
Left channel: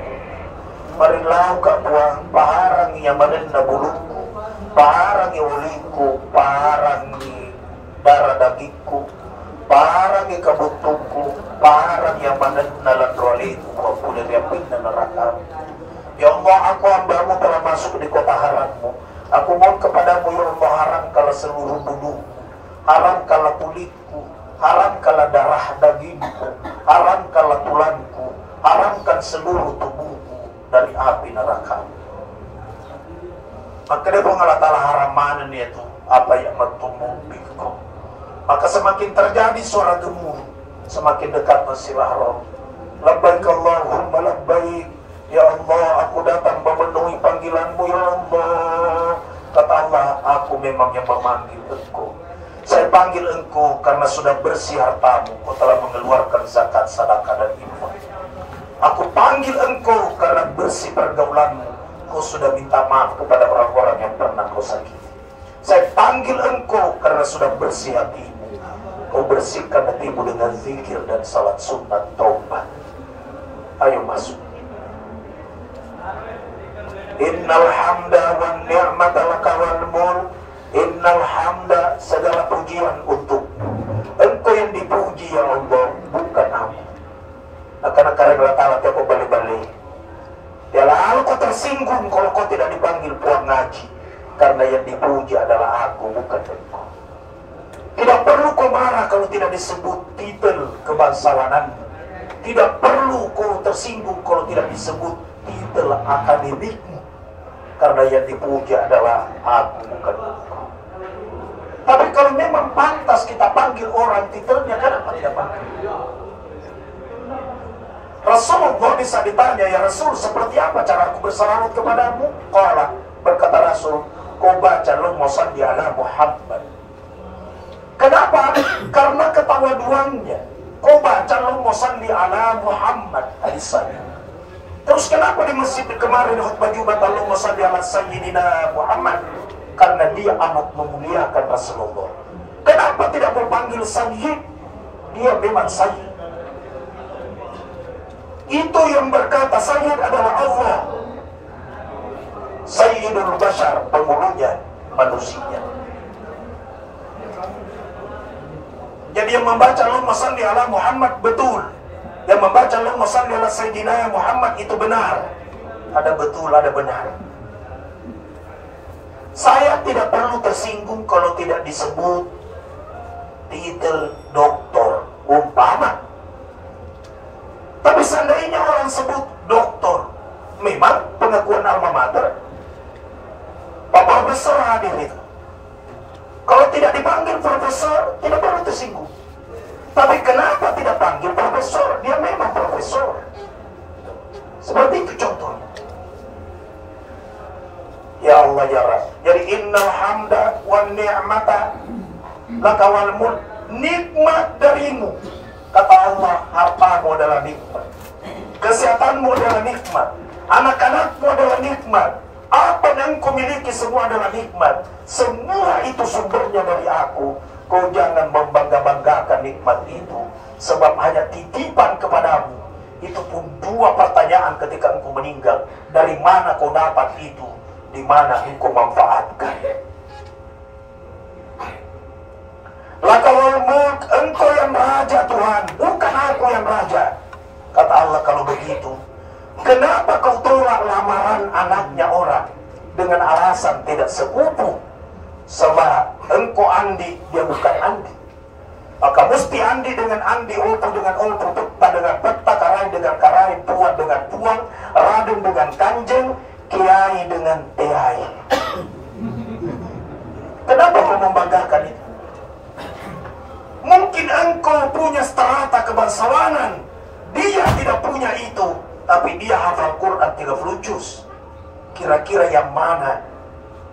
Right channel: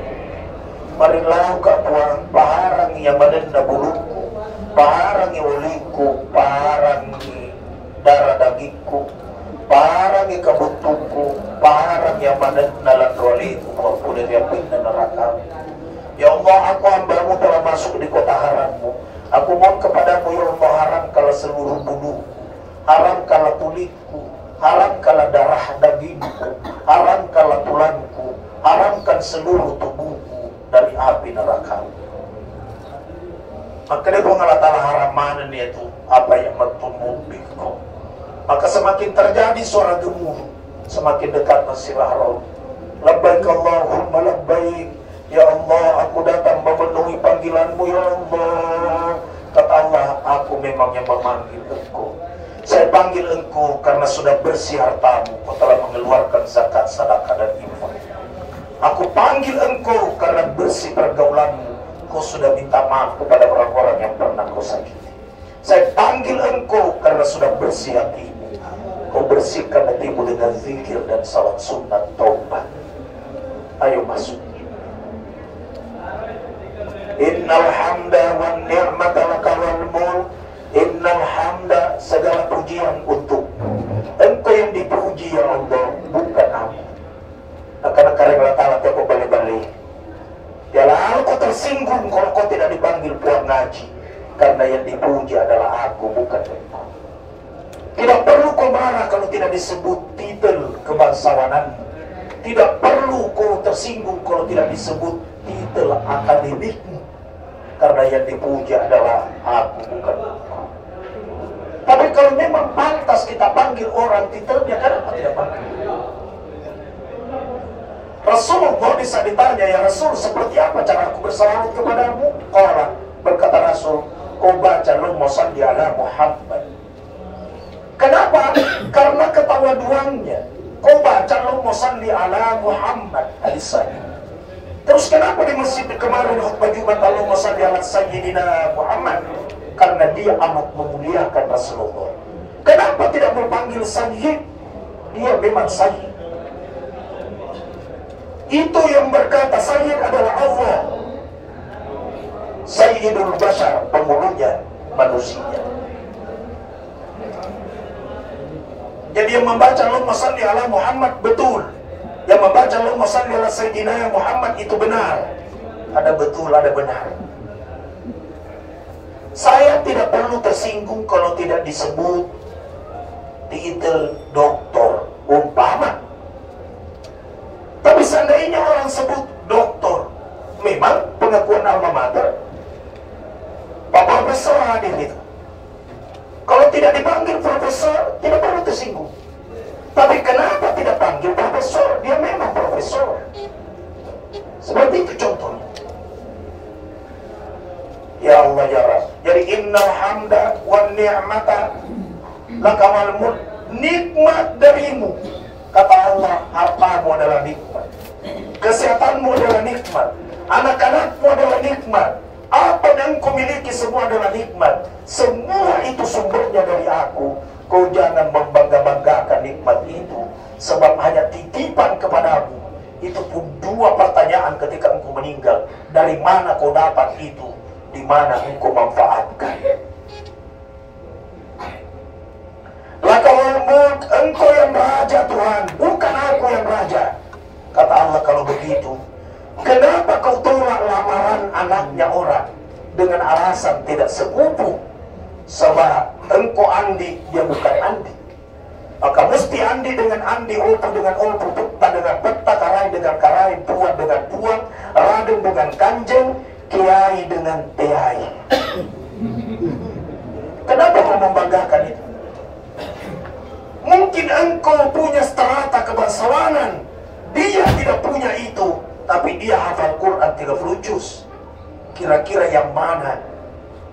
Marilau ka puang paharang yang manenda buluku, paharang yang uliku, paharang darah dagingku, paharang yang kabutuku, paharang yang manenda ladrolitu, maupun yang pindah neraka. Ya Allah, aku hambamu telah masuk di kota harammu. Aku mohon kepadamu ya Allah, haram kalau seluruh bulu, haram kalau kulitku, haram kalau darah dagingku, haram kalau tulangku, haramkan seluruh tubuhku dari api neraka. Maka dia Allah haram mana nih itu apa yang bertumbuh di kau. Maka semakin terjadi suara gemuruh, semakin dekat Masjidil Haram. Labbaik Allahumma labbaik. Ya Allah, aku datang memenuhi panggilanmu ya Allah. Kata Allah, aku memang yang memanggil engkau. Saya panggil engkau karena sudah bersih hartamu. Kau telah mengeluarkan zakat, sedekah dan infak. Aku panggil engkau karena bersih pergaulanmu. Kau sudah minta maaf kepada orang-orang yang pernah kau sakiti. Saya panggil engkau karena sudah bersih hatimu. Kau bersihkan hatimu dengan zikir dan salat sunat taubat. Ayo masuk. Innal hamda wan ni'mata laka wal mulk. Innal hamda, segala pujian untuk Engkau yang dipuji ya Allah, bukan aku. Akan karena letak kau balik-balik. Ya lalu kau tersinggung kalau kau tidak dipanggil puan ngaji, karena yang dipuji adalah aku, bukan engkau. Tidak perlu kau marah kalau tidak disebut titel kebangsawanan. Tidak perlu kau tersinggung kalau tidak disebut titel akademikmu, karena yang dipuji adalah aku, bukan engkau. Tapi kalau memang pantas kita panggil orang titelnya, kenapa tidak panggil? Rasulullah bisa ditanya, ya Rasul, seperti apa cara aku bersalawat kepadamu? Qala, berkata Rasul, kau baca Allahumma shalli ala Muhammad. Kenapa? Karena ketawaduannya. Kau baca Allahumma shalli ala Muhammad hadisnya. Terus kenapa di masjid kemarin khutbah Jumat Allahumma shalli ala Sayyidina Muhammad? Karena dia amat memuliakan Rasulullah. Kenapa tidak mau panggil Sayyid? Dia memang Sayyid. Itu yang berkata Sayyid adalah Allah. Sayyidul Bashar, pemulunya manusia. Jadi yang membaca Allahumma shalli ala Muhammad betul. Yang membaca Allahumma shalli ala Sayyidina Muhammad itu benar. Ada betul, ada benar. Saya tidak perlu tersinggung kalau tidak disebut titel doktor umpama. Tapi seandainya orang sebut doktor, memang pengakuan alma mater, Pak Profesor hadir itu. Kalau tidak dipanggil profesor, tidak perlu tersinggung. Tapi kenapa tidak panggil profesor? Dia memang profesor. Seperti itu contohnya. Ya Allah ya Rabb. Jadi innal hamda wan ni'mata laka wal mulk. Nikmat darimu. Kata Allah, hartamu adalah nikmat. Kesehatanmu adalah nikmat. Anak-anakmu adalah nikmat. Apa yang kau miliki semua adalah nikmat. Semua itu sumbernya dari aku. Kau jangan membangga-banggakan nikmat itu, sebab hanya titipan kepadamu. Itu pun dua pertanyaan ketika engkau meninggal. Dari mana kau dapat itu? Di mana engkau manfaatkan? Lakawal mulk, engkau yang raja Tuhan, bukan aku yang raja. Kata Allah, kalau begitu, kenapa kau tolak lamaran anaknya orang dengan alasan tidak sepupu? Sebab engkau Andi, dia bukan Andi. Maka mesti Andi dengan Andi, Opo dengan Opo, Peta dengan Peta, Karai dengan Karai, Puan dengan Puan, Raden dengan Kanjeng, Kiai dengan Kiai. Kenapa kau membanggakan itu? Mungkin engkau punya strata kebangsawanan, dia tidak punya itu, tapi dia hafal Quran 30 juz. Kira-kira yang mana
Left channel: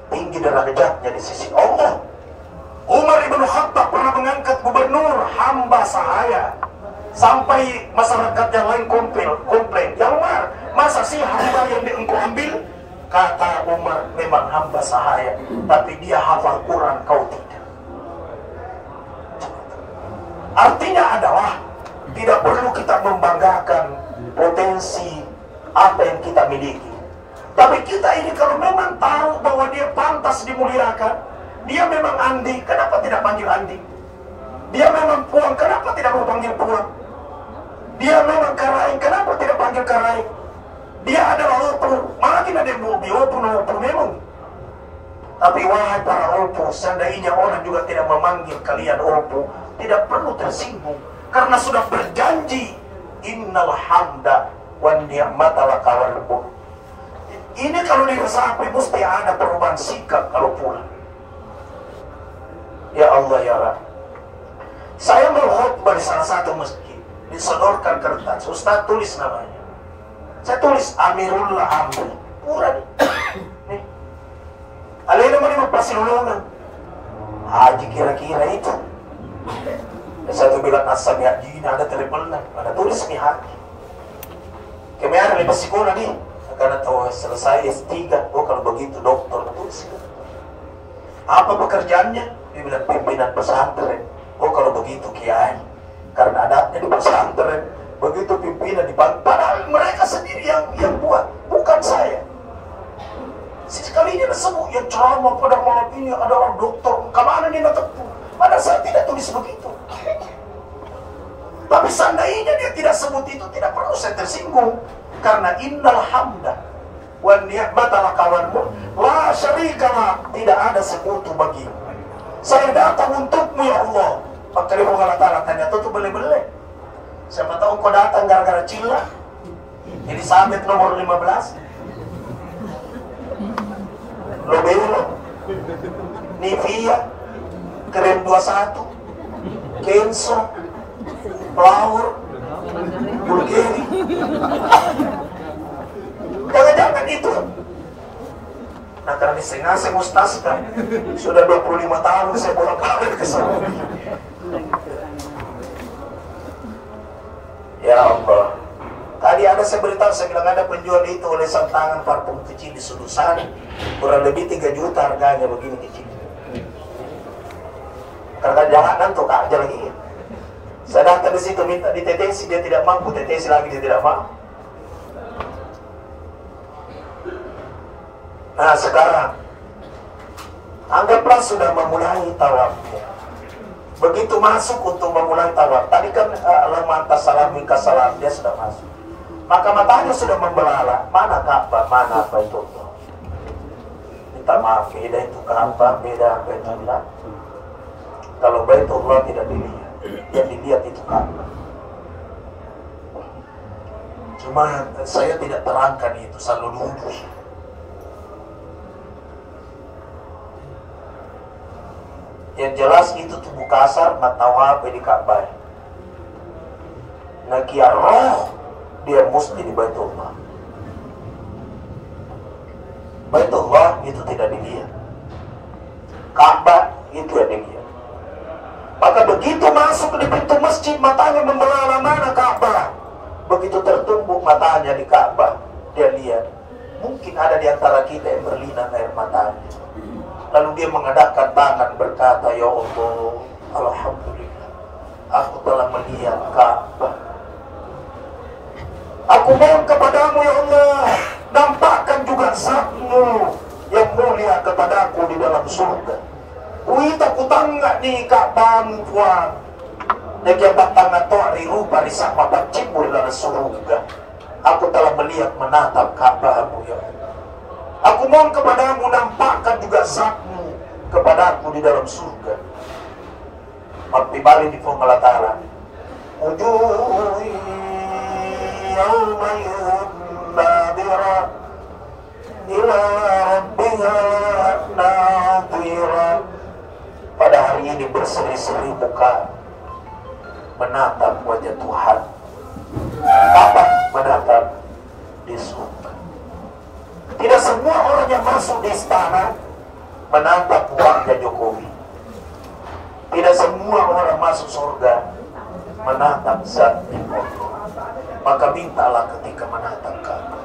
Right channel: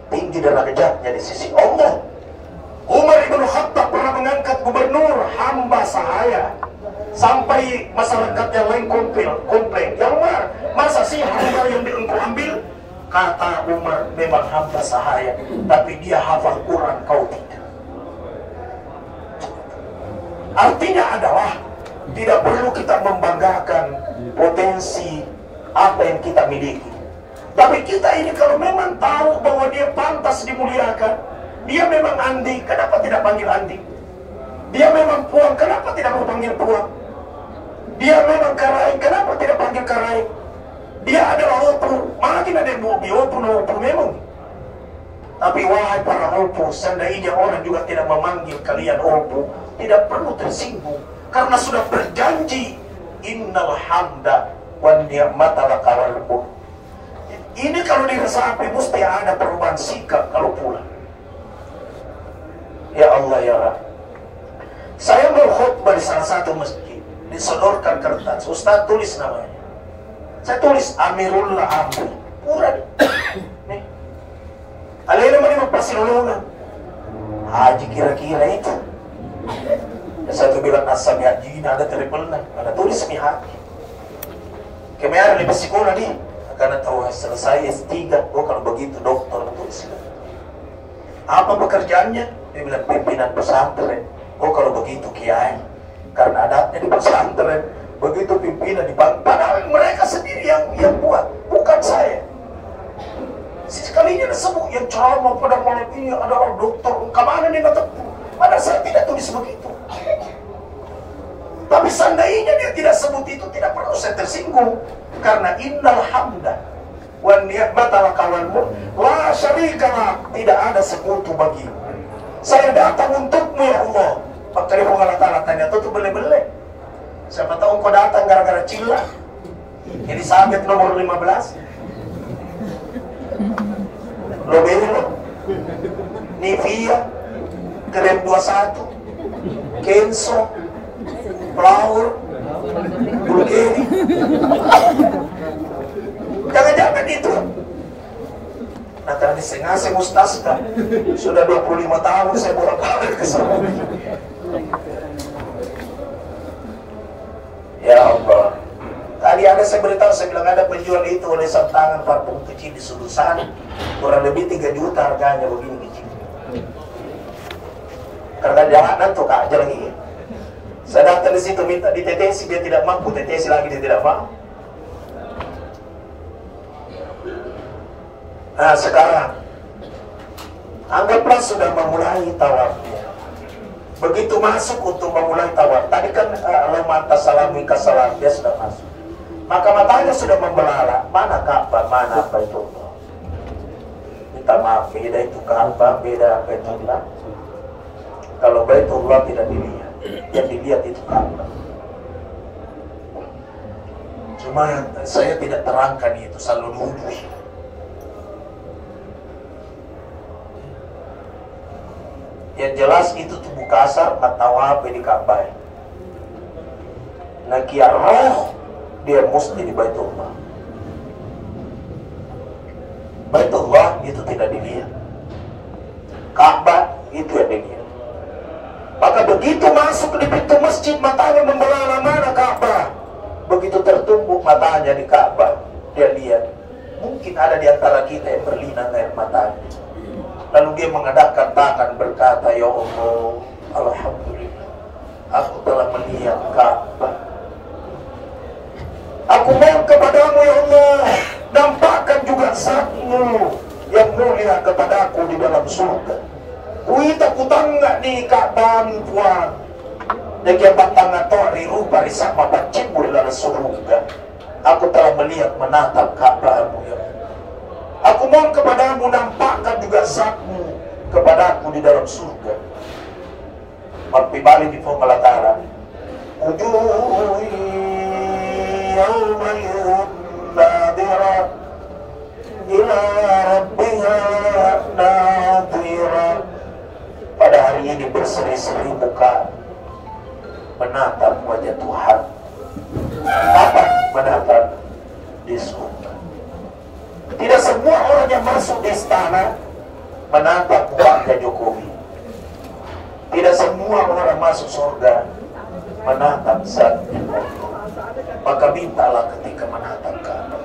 tinggi derajatnya di sisi Allah? Umar ibn Khattab pernah mengangkat gubernur, hamba sahaya. Sampai masyarakat yang lain komplain, ya Umar, masa sih hamba yang engkau ambil? Kata Umar, memang hamba sahaya, tapi dia hafal Quran, kau tidak. Artinya adalah tidak perlu kita membanggakan potensi apa yang kita miliki. Tapi kita ini kalau memang tahu bahwa dia pantas dimuliakan, dia memang Andi, kenapa tidak panggil Andi? Dia memang Puan, kenapa tidak mau panggil Puan? Dia memang Karai, kenapa tidak panggil Karai? Dia adalah Opu, makin ada yang mau Opu memang. Tapi wahai para Opu, seandainya orang juga tidak memanggil kalian Opu, tidak perlu tersinggung, karena sudah berjanji innal hamda wan ni'mata laka wal mulk. Ini kalau diresapi mesti ada perubahan sikap kalau pulang. Ya Allah ya Rabb, saya mau khutbah di salah satu masjid, disodorkan kertas, Ustaz tulis namanya. Saya tulis Amirullah Amri, pura nih. Alena mana pasilolongan haji kira-kira itu. Satu bilang asam haji, ada triple, ada tulis nih haji. Kemarin di sekolah nih, karena tahu selesai S3, oh kalau begitu dokter tulis. Apa pekerjaannya? Dia bilang pimpinan pesantren. Oh kalau begitu kiai, karena adatnya di pesantren, begitu pimpinan dipanggil, padahal mereka sendiri yang buat, bukan saya. Sekalinya disebut yang ceramah pada malam ini adalah dokter, kemana dia datang? Padahal saya tidak tulis begitu. Tapi seandainya dia tidak sebut itu, tidak perlu saya tersinggung. Karena innal hamda wa ni'mata kawanmu la syarika, tidak ada sekutu bagimu. Saya datang untukmu ya Allah. Pak Karifung Allah Ta'ala tanya, tuh bele-bele. Siapa tahu kau datang gara-gara cila. Jadi sabit nomor 15. Lobelo, Nivea, Krem 21, Kenso, Flower, Bulgari. Jangan-jangan itu. Nah karena diseng-aseng Ustaz kan, sudah 25 tahun saya bolak-balik ke sana. Ya Allah. Tadi ada saya beritahu, saya bilang ada penjual itu oleh tangan parfum kecil di Sudusan, kurang lebih 3 juta harganya begini kecil. Karena jalanan tuh aja lagi. Saya datang di situ minta ditetesi, dia tidak mampu, tetesi lagi dia tidak mampu. Nah sekarang anggaplah sudah memulai tawafnya. Begitu masuk untuk memulai tawaf, tadi kan lemah tasalam wika salam, dia sudah masuk. Maka matanya sudah membelalak, mana Ka'bah, mana Baitullah. Minta maaf, beda itu Ka'bah, beda Baitullah. Kalau Baitullah tidak dilihat, yang dilihat itu Ka'bah. Cuma saya tidak terangkan itu, selalu nuduh. Yang jelas itu tubuh kasar, matawab di Ka'bah. Nakia roh, dia mesti di Baitullah. Baitullah itu tidak dilihat. Ka'bah itu yang dilihat. Maka begitu masuk di pintu masjid, matanya membelalak, mana Ka'bah. Begitu tertumbuk matanya di Ka'bah, dia lihat. Mungkin ada di antara kita yang berlinang air matanya. Lalu dia mengadakan tangan berkata, ya Allah, alhamdulillah, aku telah melihat Ka'bah. Aku mohon kepadamu ya Allah, nampakkan juga Zatmu yang mulia kepadaku di dalam surga. Wita kutangga ni Ka'bahmu puan. Nagyabang tanga to ari rupa ri sama pacimul dalam surga. Aku telah melihat menatap Ka'bahmu ya Allah. Aku mohon kepadamu, nampakkan juga Zatmu kepadaku di dalam surga. Tapi balik di Allah Ta'ala, yawmayin nadira ila rabbiha nadira. Pada hari ini berseri-seri muka menatap wajah Tuhan. Kapan menatap? Di surga. Tidak semua orang yang masuk di istana menatap wajah Jokowi. Tidak semua orang masuk surga menatap Zat. Maka mintalah ketika menatap Ka'bah.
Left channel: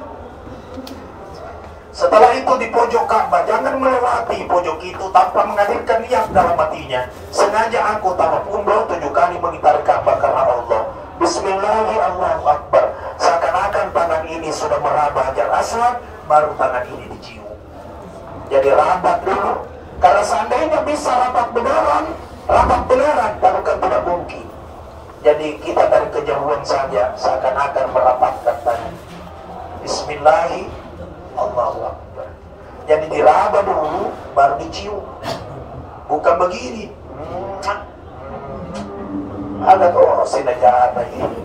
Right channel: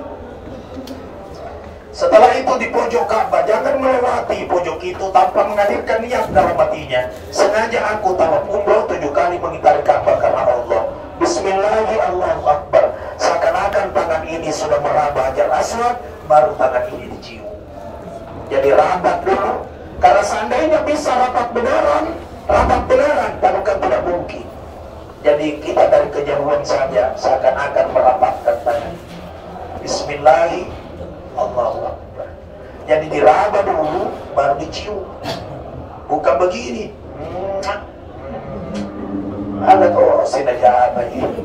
Setelah itu di pojok Ka'bah, jangan melewati pojok itu tanpa menghadirkan niat dalam hatinya. Sengaja aku tawaf umroh 7 kali mengitari Ka'bah karena Allah. Bismillahirrahmanirrahim, Allahu Akbar. Seakan-akan tangan ini sudah meraba Hajar Aswad, baru tangan ini dicium. Jadi rapat dulu. Karena seandainya bisa rapat beneran, tapi kan tidak mungkin. Jadi kita dari kejauhan saja seakan-akan merapatkan tangan. Bismillahirrahmanirrahim, Allahu Akbar. Jadi diraba dulu, baru dicium. Bukan begini. Ada kau sinajah apa ini?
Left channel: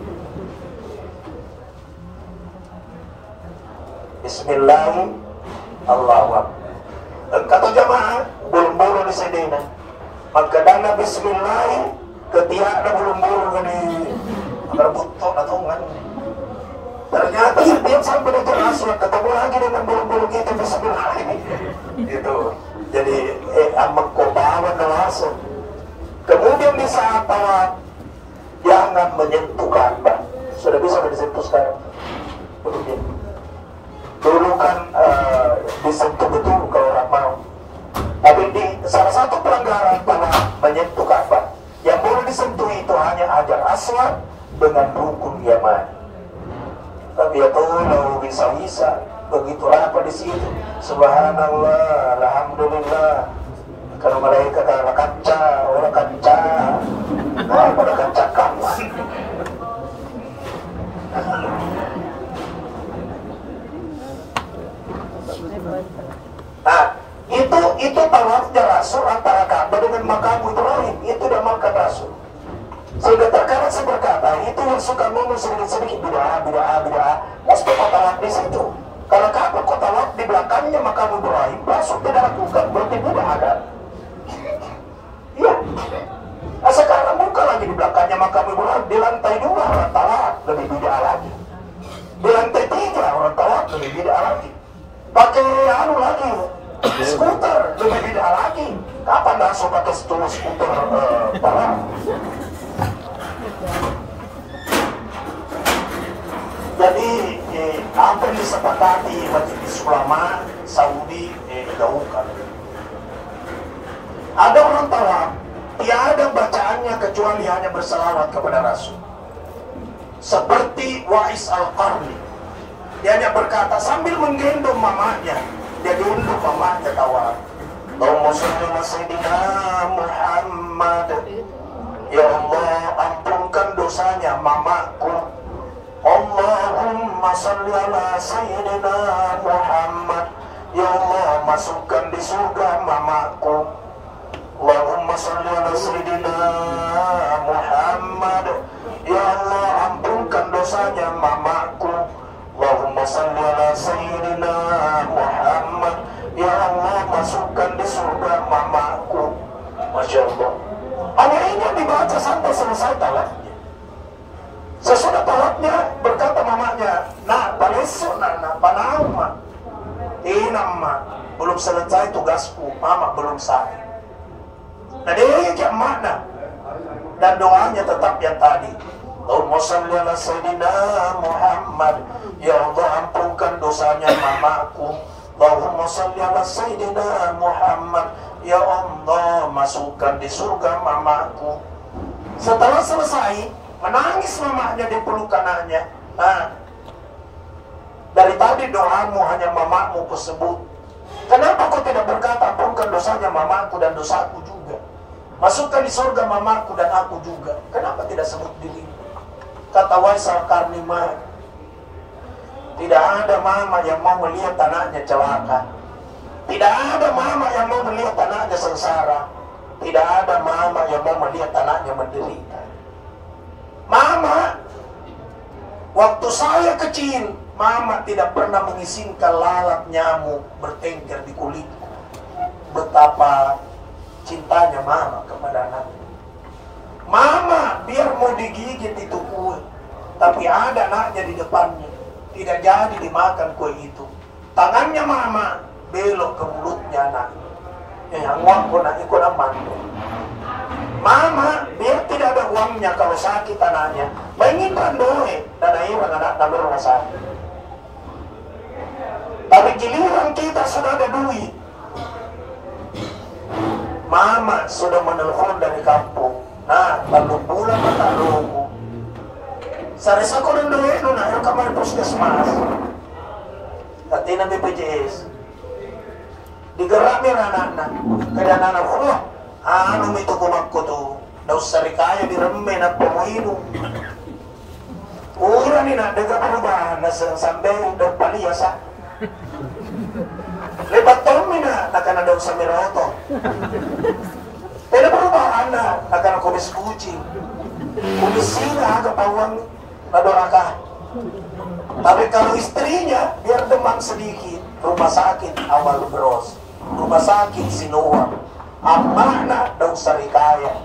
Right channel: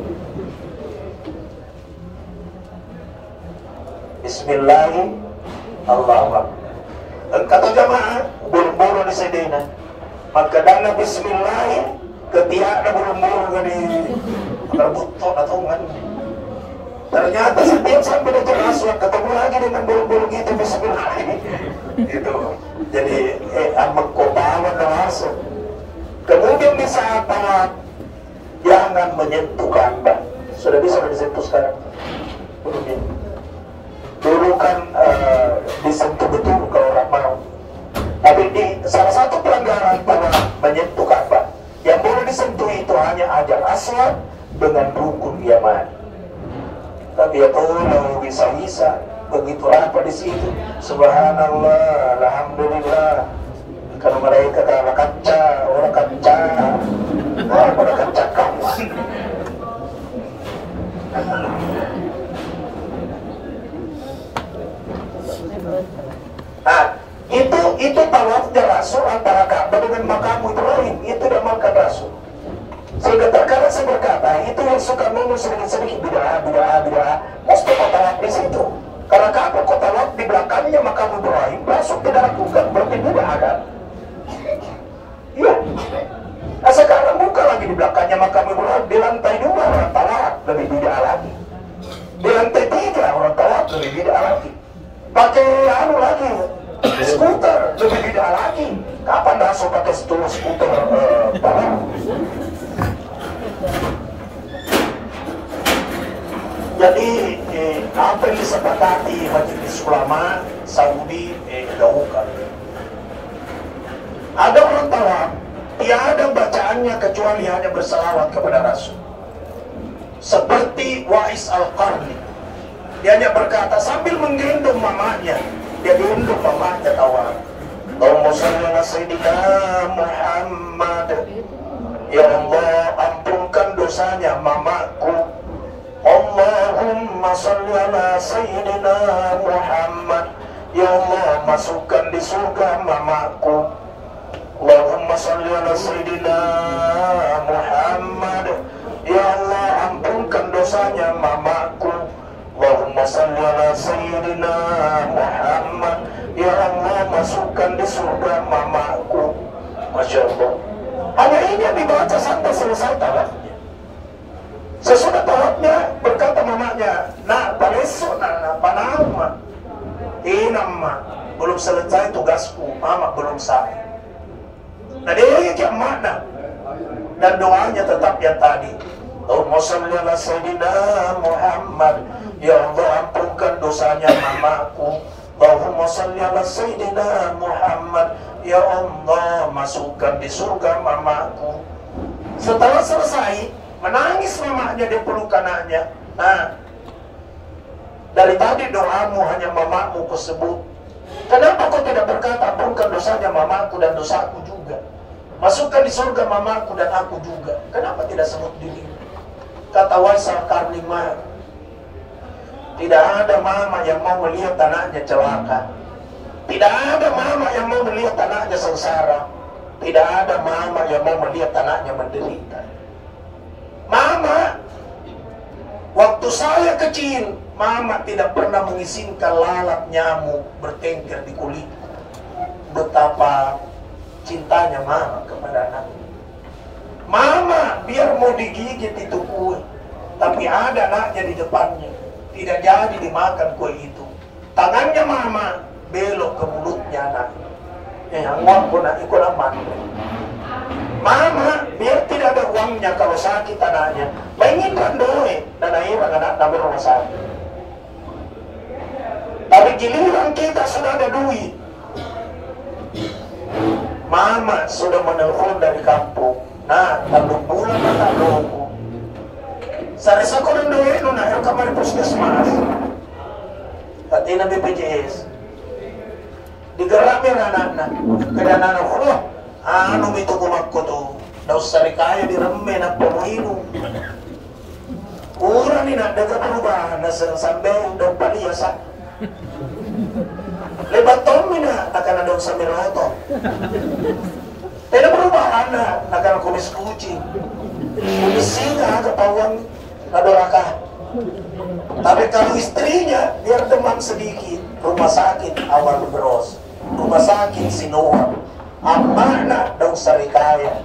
Bismillahirrahmanirrahim, Allahu Akbar. Kata jamaah, buru-buru di sedena. Maka dana Bismillahirrahmanirrahim, ketiak na buru-buru gani terbutok atau enggak. Ternyata setiap sampai di Hajar Aswad ketemu lagi dengan buru-buru gitu Bismillahirrahmanirrahim. Gitu. Jadi amak kotawan masuk. Kemudian di saat tawaf, jangan menyentuh Ka'bah. Sudah bisa disentuh sekarang? Belum. Dulu kan disentuh betul kalau orang mau. Tapi di salah satu pelanggaran pada menyentuh Ka'bah, yang boleh disentuh itu hanya ajar aswad dengan rukun yamani. Tapi ya Allah bisa begitu apa di situ. Subhanallah, alhamdulillah. Kalau mereka orang kaca, orang kaca kamu. Nah, itu tawafnya Rasul antara Ka'bah dengan makam Ibrahim. Itu namakan Rasul. Sehingga terkadang saya berkata, itu yang suka minum sedikit bid'ah. Mesti kota lak di situ. Karena Ka'bah kota lak di belakangnya makam Ibrahim, Rasul tidak lakukan, berarti bid'ah ada. Iya. Nah sekarang buka lagi di belakangnya makam Ibrahim, di lantai 2 orang tawaf, lebih bid'ah lagi. Di lantai 3 orang tawaf, lebih bid'ah lagi. Pakai lagi, skuter, lebih bid'ah lagi. Kapan Rasul pakai skuter tawaf? Jadi apa yang disepakati majelis ulama Saudi gaungkan. Ada orang tawaf, tiada bacaannya kecuali hanya berselawat kepada Rasul. Seperti Wa'is Al-Qarni, dia hanya berkata sambil menggendong mamanya, dia gendong mamanya tawaf. Allahumma shalli ala sayyidina Muhammad. Ya Allah, ampunkan dosanya mamaku. Allahumma shalli ala sayyidina Muhammad. Ya Allah, masukkan di surga mamaku. Allahumma shalli ala sayyidina Muhammad. Ya Allah, ampunkan dosanya mamaku. Allahumma shalli ala sayyidina Muhammad. Ya Allah, masukkan di surga mamaku. Masya Allah. Hanya ini yang dibaca sampai selesai tawafnya. Sesudah tawafnya berkata mamanya, nah besok nah panama, nama belum selesai tugasku, mama belum sampai. Nah dia jam mana? Dan doanya tetap yang tadi. Allahumma shalli ala sayyidina Muhammad. Ya Allah, ampunkan dosanya mamaku. Allahumma shalli ala sayyidina Muhammad. Ya Allah, masukkan di surga mamaku. Setelah selesai, menangis mamanya di peluk anaknya. Nah, dari tadi doamu hanya mamamu tersebut. Kenapa kau tidak berkata ampunkan dosanya mamaku dan dosaku juga? Masukkan di surga mamaku dan aku juga. Kenapa tidak sebut diri? Kata Wa'is Al-Qarni, tidak ada mama yang mau melihat anaknya celaka. Tidak ada mama yang mau melihat anaknya sengsara. Tidak ada mama yang mau melihat anaknya menderita. Mama, waktu saya kecil, mama tidak pernah mengizinkan lalat nyamuk bertengger di kulit. Betapa cintanya mama kepada anaknya. Mama, biar mau digigit itu kue, tapi ada anaknya di depannya, tidak jadi dimakan kue itu. Tangannya mama belok ke mulutnya anaknya. Yang uangku nak ikut aman. Mama, biar tidak ada uangnya kalau sakit anaknya, mengingat doa dan akhirnya anak tak berumah sakit. Tapi giliran kita sudah ada duit, mama sudah menelpon dari kampung. Nah, lalu pulang tak logo. Sari sa ko ng doa no na kamar puskesmas. Katina BPJS. Digarami anak-anak. Kaya anak ko, ano ito kumakko to? Daw sa rikaya di ramay na pamahinom. Ura ni na, daga ano ba? Nasa sambay, daw paliyasa. Lebat tomi na, naka na daw sa miroto. Pero perubahan na, naka na kumis kucing. Kumisinga, kapawang nadora ka. Tapi kalau istrinya, biar demam sedikit, rumah sakit awal bros. Rumah sakit Sinua. Amana daw sa rikaya.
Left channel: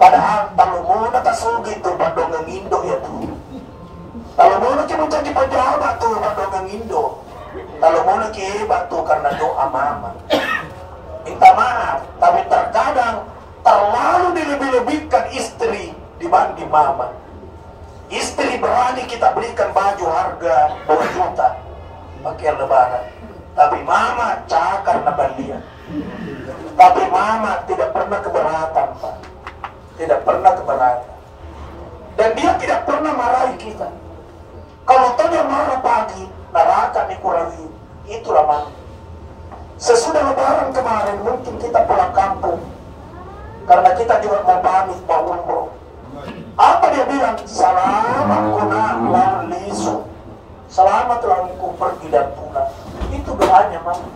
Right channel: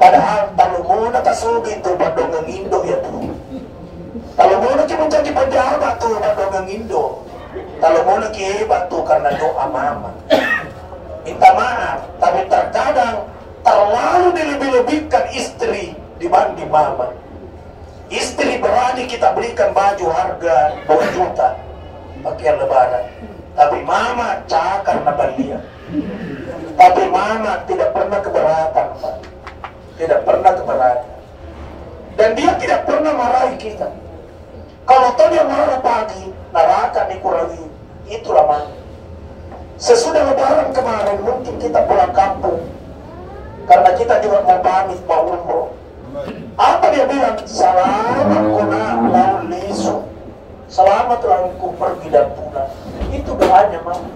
Padahal talo muna kasugin to badong ng Indo ya to. Talo muna kimunta di pajaba to badong ng Indo. Talo muna kieba to karena doa mama. Minta maaf, tapi terkadang terlalu dilebih-lebihkan istri dibanding mama. Istri berani kita berikan baju harga 2 juta pakaian lebaran. Tapi mama cakar na balia. Tapi mama tidak pernah keberatan, Pak. Tidak pernah keberatan. Dan dia tidak pernah marahi kita. Kalau tahu dia marah pagi, neraka dikurangi. Itulah mana. Sesudah lebaran kemarin, mungkin kita pulang kampung. Karena kita juga mau pamit, mau umroh. Apa dia bilang? Selamat kona lalu lisu. Selamat lalu pergi dan pulang. Itu doanya, mama.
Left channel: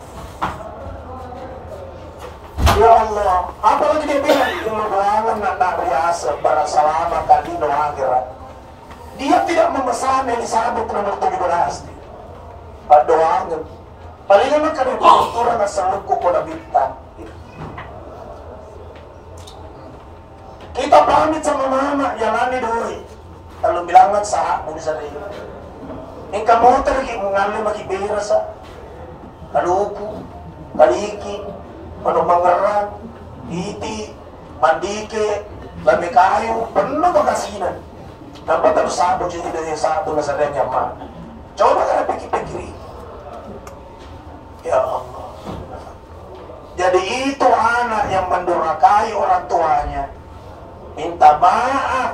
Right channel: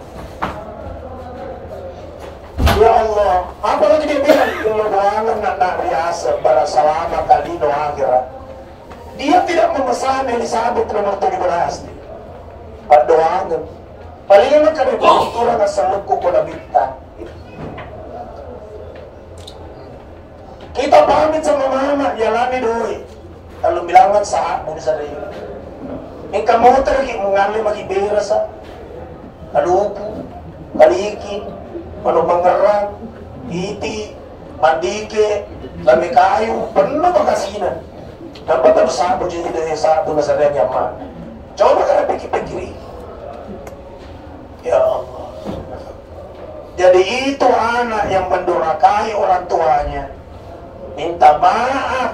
Ya Allah, apalagi dia bilang, kalau doangan nak biasa, berasalamat kali doa akhirat. Dia tidak memesan Elizabeth nomor 17. Pak doangan. Paling anak kami berturang asalku koda bintang. Kita pamit sama mama, jalani doi. Kalau bilangan sah, mau bisa rin. Yang kamu tergi mengalami lagi beres, kalupu, kaliki, manumanggaran, iti, mandike, lami kayu, penuh pagkasinan. Dapat harus sabo jadi dari satu nasadanya nyaman. Coba kalian pikir-pikir. Ya Allah. Jadi itu anak yang mendurhakai orang tuanya. Minta maaf.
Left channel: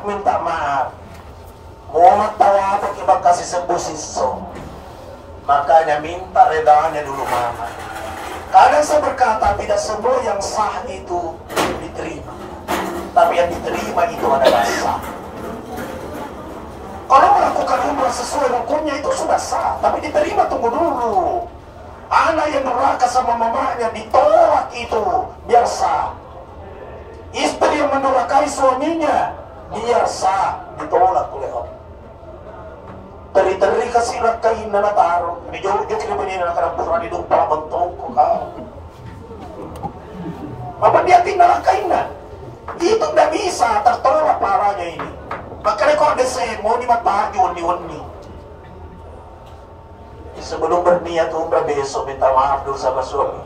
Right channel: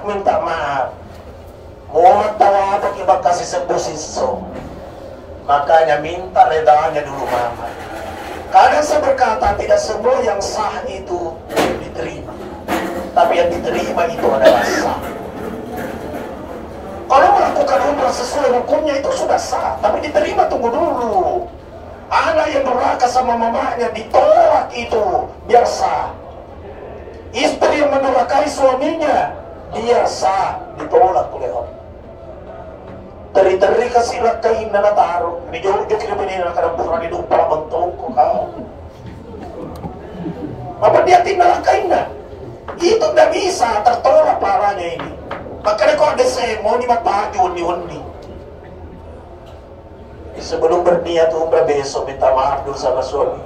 Muhammad tahu apa kita kasih sembuh siso. Makanya minta redanya dulu mama. Kadang saya berkata tidak semua yang sah itu diterima. Tapi yang diterima itu adalah sah. Kalau melakukan umrah sesuai hukumnya itu sudah sah. Tapi diterima, tunggu dulu. Anak yang durhaka sama mamanya ditolak itu biar sah. Istri yang mendurhakai suaminya biar sah, ditolak oleh Allah. Teri-teri kasih kain na nataro. Bijorjo kira benina karampuran di dupa bentuk kau. Apa dia tinggal kain na? Itu tidak bisa tertolak parahnya ini. Makanya kalau ada saya mau dimatagi wani-wani. Sebelum berniat umrah besok minta maaf dulu sama suami.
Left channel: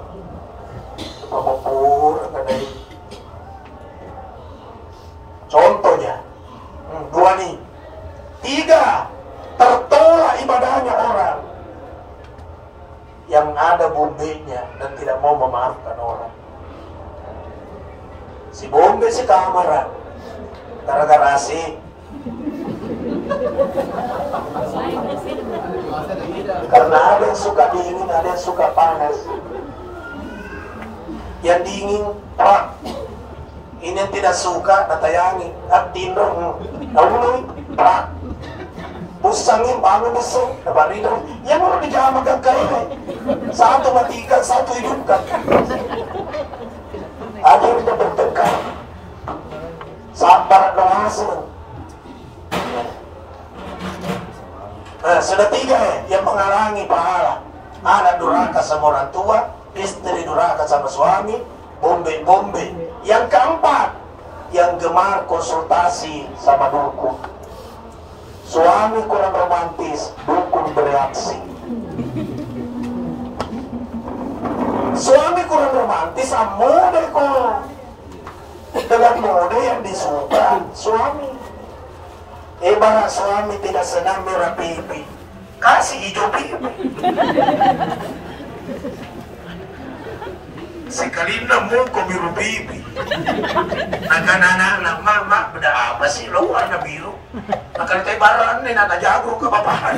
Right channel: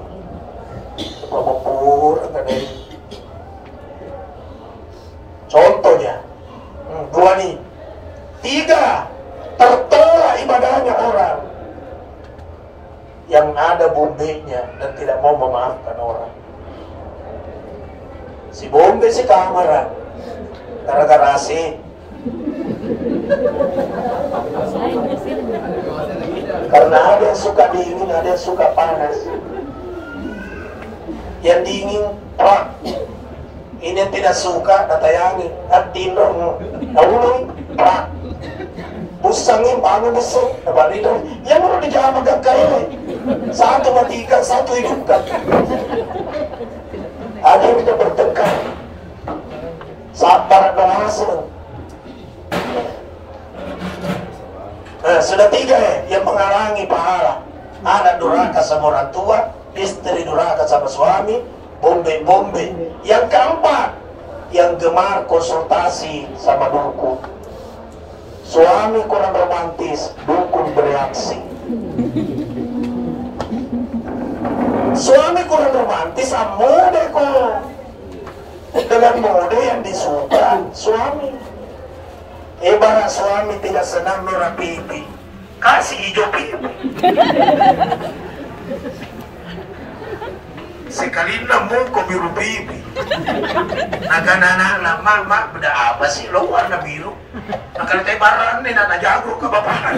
Supaya mau pur ada ini. Contohnya, 2 nih. 3, tertolak ibadahnya orang yang ada bombenya dan tidak mau memaafkan orang. Si bombe si kamera gara-gara asik. Karena ada yang suka dingin, ada yang suka panas. Yang dingin, pak. Ini yang tidak suka, datayangi. Atin dong, naulung, pak. Pusangin, bangun besok, nabaridan. Yang mau dijama gagay. 1 matikan, 1 hidupkan. Ada yang kita bertengkar. Sabar dan hasil. Nah, sudah 3 yang menghalangi pahala. Anak durhaka sama orang tua, istri durhaka sama suami, bombe. Yang 4, yang gemar konsultasi sama dukun. Suami kurang romantis, dukun bereaksi. Suami kurang romantis, mode kok. Dengan mode yang disuka suami. Ibarat suami tidak senang merah pipi, kasih hijau pipi. Sekali namun kau biru pipi. Anak-anak mak beda apa sih lo warna biru? Akan tebaran nih nada jago ke bapak.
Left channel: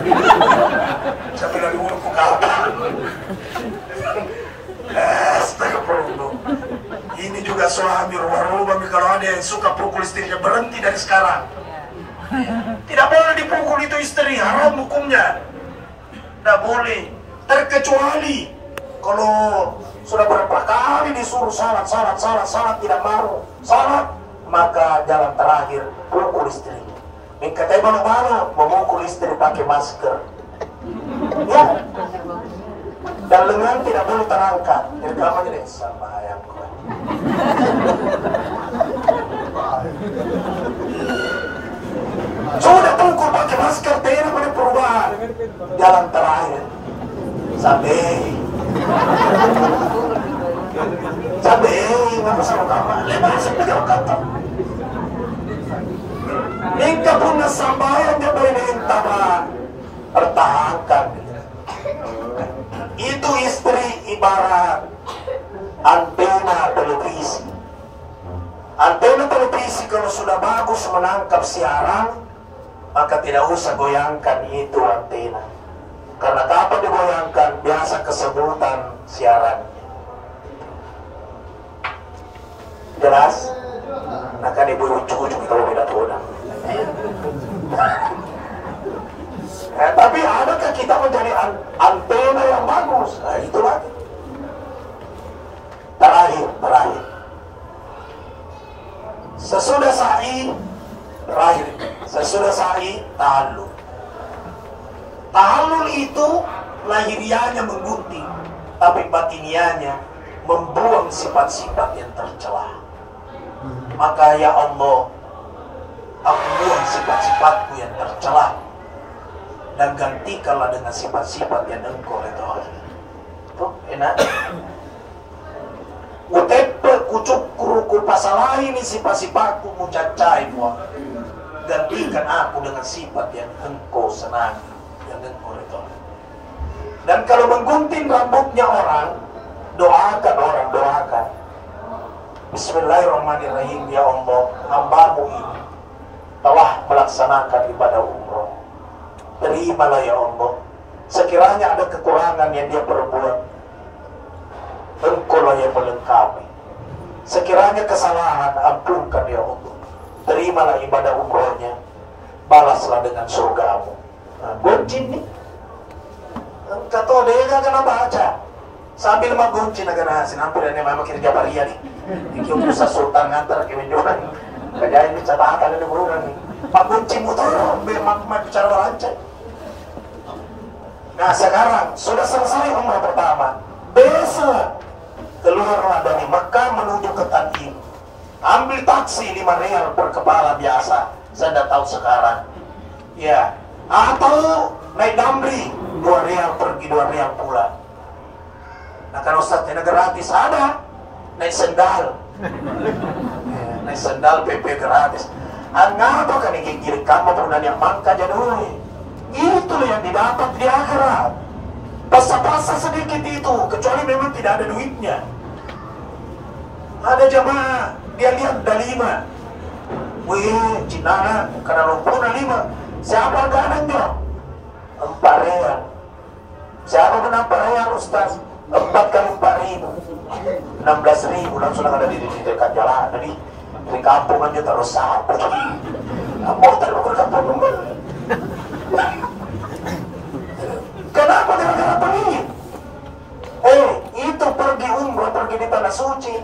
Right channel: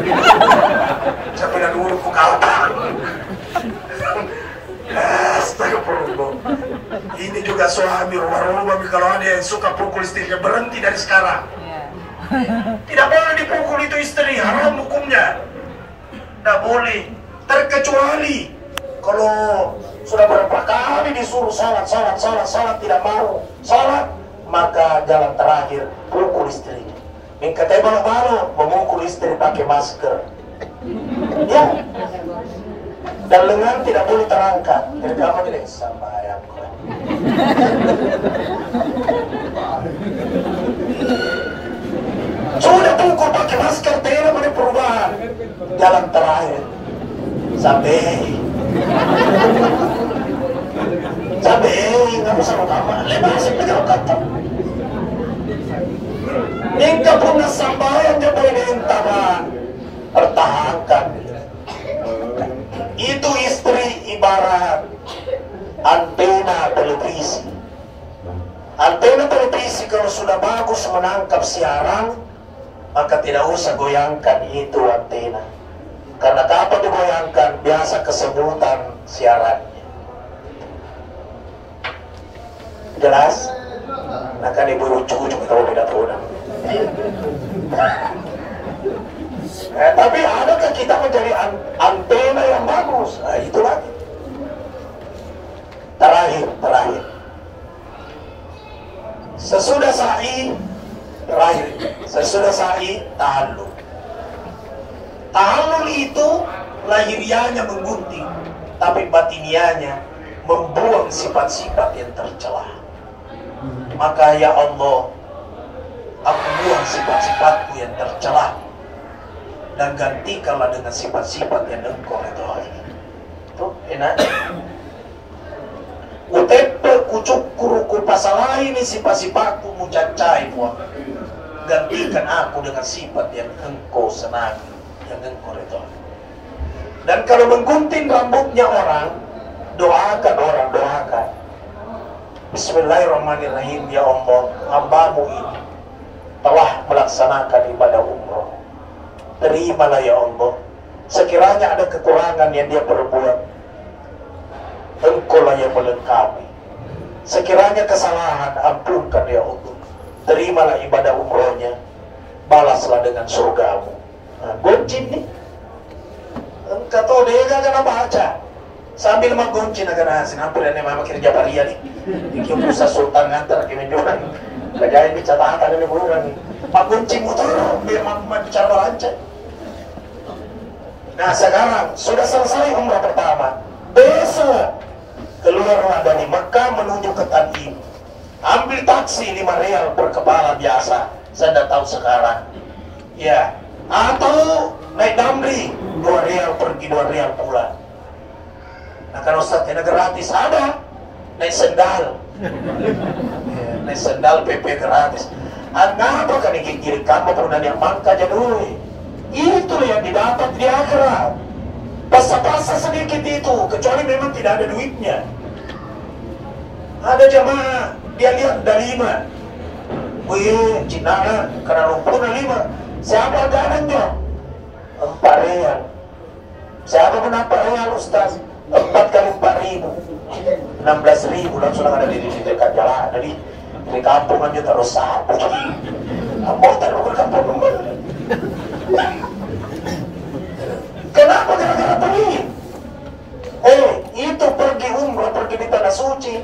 Sampai dulu ke apa? Astagfirullah. Ini juga suami rumah-rumah kalau ada yang suka pukul istrinya berhenti dari sekarang. Tidak boleh dipukul itu istri, haram hukumnya. Tidak boleh. Terkecuali kalau sudah berapa kali disuruh salat tidak mau salat, maka jalan terakhir pukul istrinya. Yang katanya baru memukul istri pakai masker. Ya. Dan lengan tidak boleh terangkat. Rekam aja deh sama ayamku. Sudah tunggu pakai masker, tidak ada perubahan. Jalan terakhir sampai nggak bisa apa lepas negara kata. Engkau punya sambayan jadi nentaban pertahankan. Itu istri ibarat antena televisi. Antena televisi kalau sudah bagus menangkap siaran, maka tidak usah goyangkan itu antena. Karena kapan digoyangkan, biasa kesemutan siarannya. Jelas? Nah kan ibu ujuk-ujuk tahu tidak tahu. Tapi adakah kita menjadi antena yang bagus? Nah, itu lagi. Terakhir. Sesudah sa'i, tahallul. Tahallul itu lahiriahnya menggunting, tapi batiniahnya membuang sifat-sifat yang tercela. Maka ya Allah, aku buang sifat-sifatku yang tercela dan gantikanlah dengan sifat-sifat yang Engkau ridhoi. Itu enak. Utepe kucukuru kupasalaini sifat-sifatku mucacai muak. Gantikan aku dengan sifat yang Engkau senangi, yang Engkau ridhoi. Dan kalau menggunting rambutnya orang, doakan. Bismillahirrahmanirrahim. Ya Allah, hambamu ini telah melaksanakan ibadah umroh. Terimalah ya Allah. Sekiranya ada kekurangan yang dia perbuat, Engkau lah yang melengkapi. Sekiranya kesalahan, ampunkan ya Allah. Terimalah ibadah umrohnya, balaslah dengan surgamu. Nah, goncin nih. Kata dia gak baca. Sambil menggoncin akan hasil. Hampir ini memang kerja paria nih. Ikiu pusat sultan ngantar ke menjuran. Kejadian di catatan ini buruan nih. Pak goncin motor, memang bicara lancar. Nah sekarang sudah selesai umrah pertama. Besok keluarlah dari Makkah menuju ke Tan'im. Ambil taksi 5 rial per kepala biasa. Saya tidak tahu sekarang. Ya. Atau naik damri 2 rial pergi 2 rial pulang. Nah kan Ustaz tidak gratis ada. Naik sendal. Ya, naik sendal PP gratis. Angapa kan ini kiri kamu pernah yang mangka jadul. Itu yang didapat di akhirat. Pasal-pasal sedikit itu, kecuali memang tidak ada duitnya. Ada jamaah, dia lihat ada 5. Wih, Cina, karena lumpurnya 5. Siapa ganannya? 4 rial. Siapa kena 4 rial, Ustaz? 4 kali 4.000, 16.000 langsung ada di dekat jalan. Jadi di kampung aja terus sapu. Mau taruh ke kampung rumah. Kenapa gara-gara pergi? Itu pergi umrah, pergi di tanah suci,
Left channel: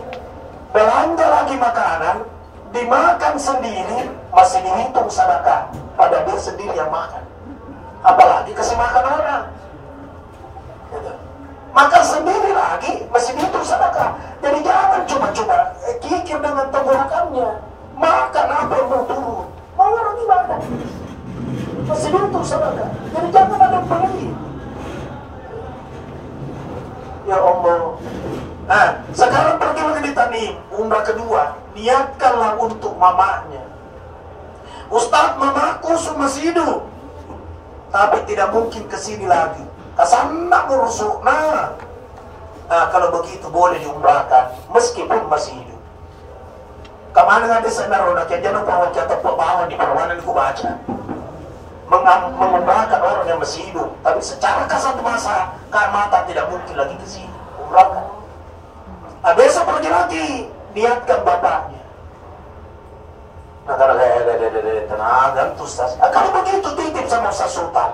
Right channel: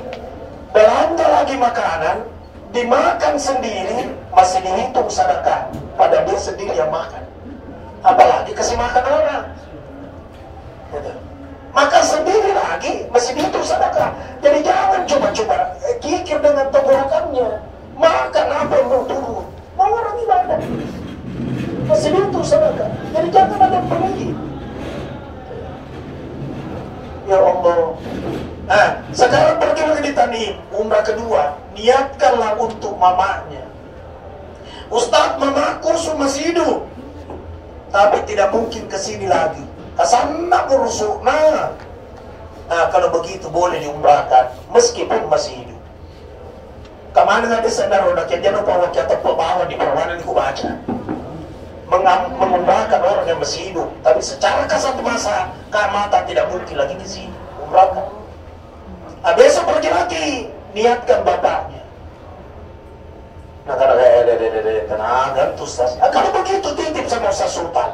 belanja lagi makanan, dimakan sendiri, masih dihitung sedekah. Pada dia sendiri yang makan. Apalagi kasih makan orang. Betul. Makan sendiri lagi, masih dihitung sedekah. Jadi jangan coba-coba kikir dengan tenggorokannya. Makan apa yang mau turun? Mau orang ibadah. Masih dihitung sedekah. Jadi jangan ada pergi. Ya Allah. Nah, sekarang pergi lagi di Tan'im, umrah kedua, niatkanlah untuk mamanya. Ustaz, mamaku masih hidup, tapi tidak mungkin kesini lagi. Kasana burusuk. Nah, kalau begitu boleh diumrahkan, meskipun masih hidup. Kemana nggak sana roda jangan bawa kita bawa di perwanan ku baca. Mengumrahkan orang yang masih hidup, tapi secara kasat mata mata tidak mungkin lagi ke sini umrahkan. Nah, besok pergi lagi, niatkan bapaknya. Nah, kalau tenaga tuh Ustaz. Kalau begitu titip sama Ustaz Sultan.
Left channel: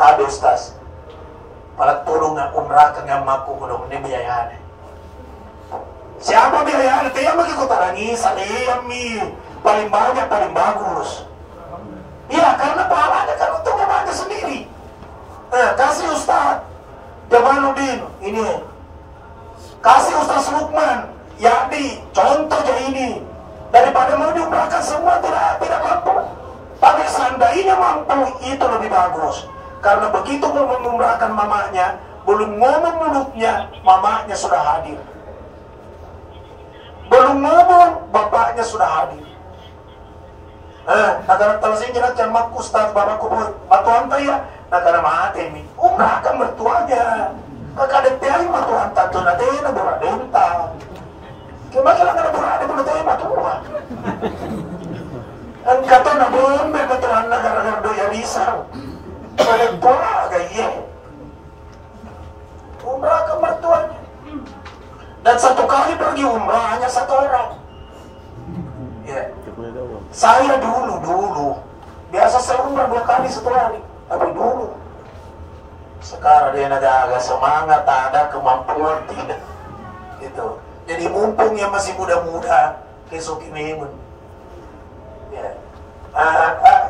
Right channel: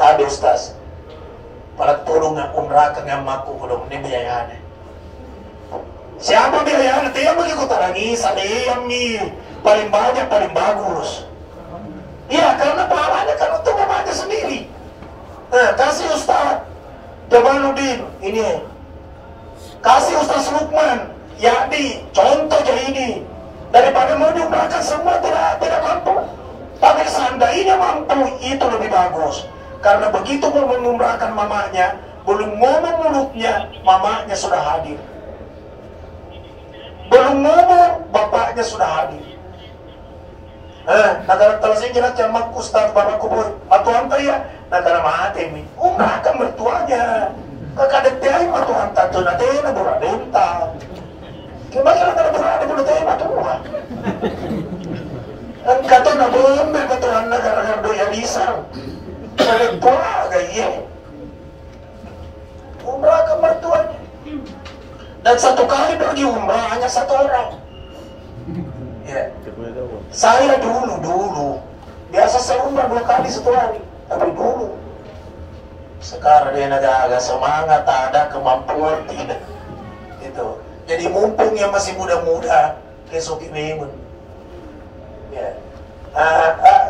Ada Ustaz, malah tolong nggak umrahkan yang mampu belum ini biayanya. Siapa biayanya? Itu yang bagi kota Rangisan, yang paling banyak, paling bagus. Iya, karena pahalanya kan untuk mamanya sendiri. Nah, kasih Ustaz Jamaluddin ini, kasih Ustaz Lukman Yadi, contoh aja ini. Daripada mau diumrahkan semua tidak mampu. Tapi seandainya mampu, itu lebih bagus. Karena begitu mau mengumrahkan mamanya, belum ngomong mulutnya, mamanya sudah hadir. Belum ngomong, bapaknya sudah hadir. Negara talasin jenak jamak Ustaz bapakku boy batuan ya negara mati mi umrahkan mertuanya kakadet tiay batuan tato na dena boradenta Kemarin kalau berada pada tema tua. Ang kata na bombe katuhan na gara-gara doya risau. Kalau pola gaya. Umrah ke mertuanya. Dan satu kali pergi umrah hanya satu orang. Ya. Saya dulu biasa saya umrah 2 kali satu hari, tapi dulu. Sekarang dia agak semangat, ada kemampuan tidak. Gitu. Jadi mumpung yang masih muda-muda, kesoki memun. Ya.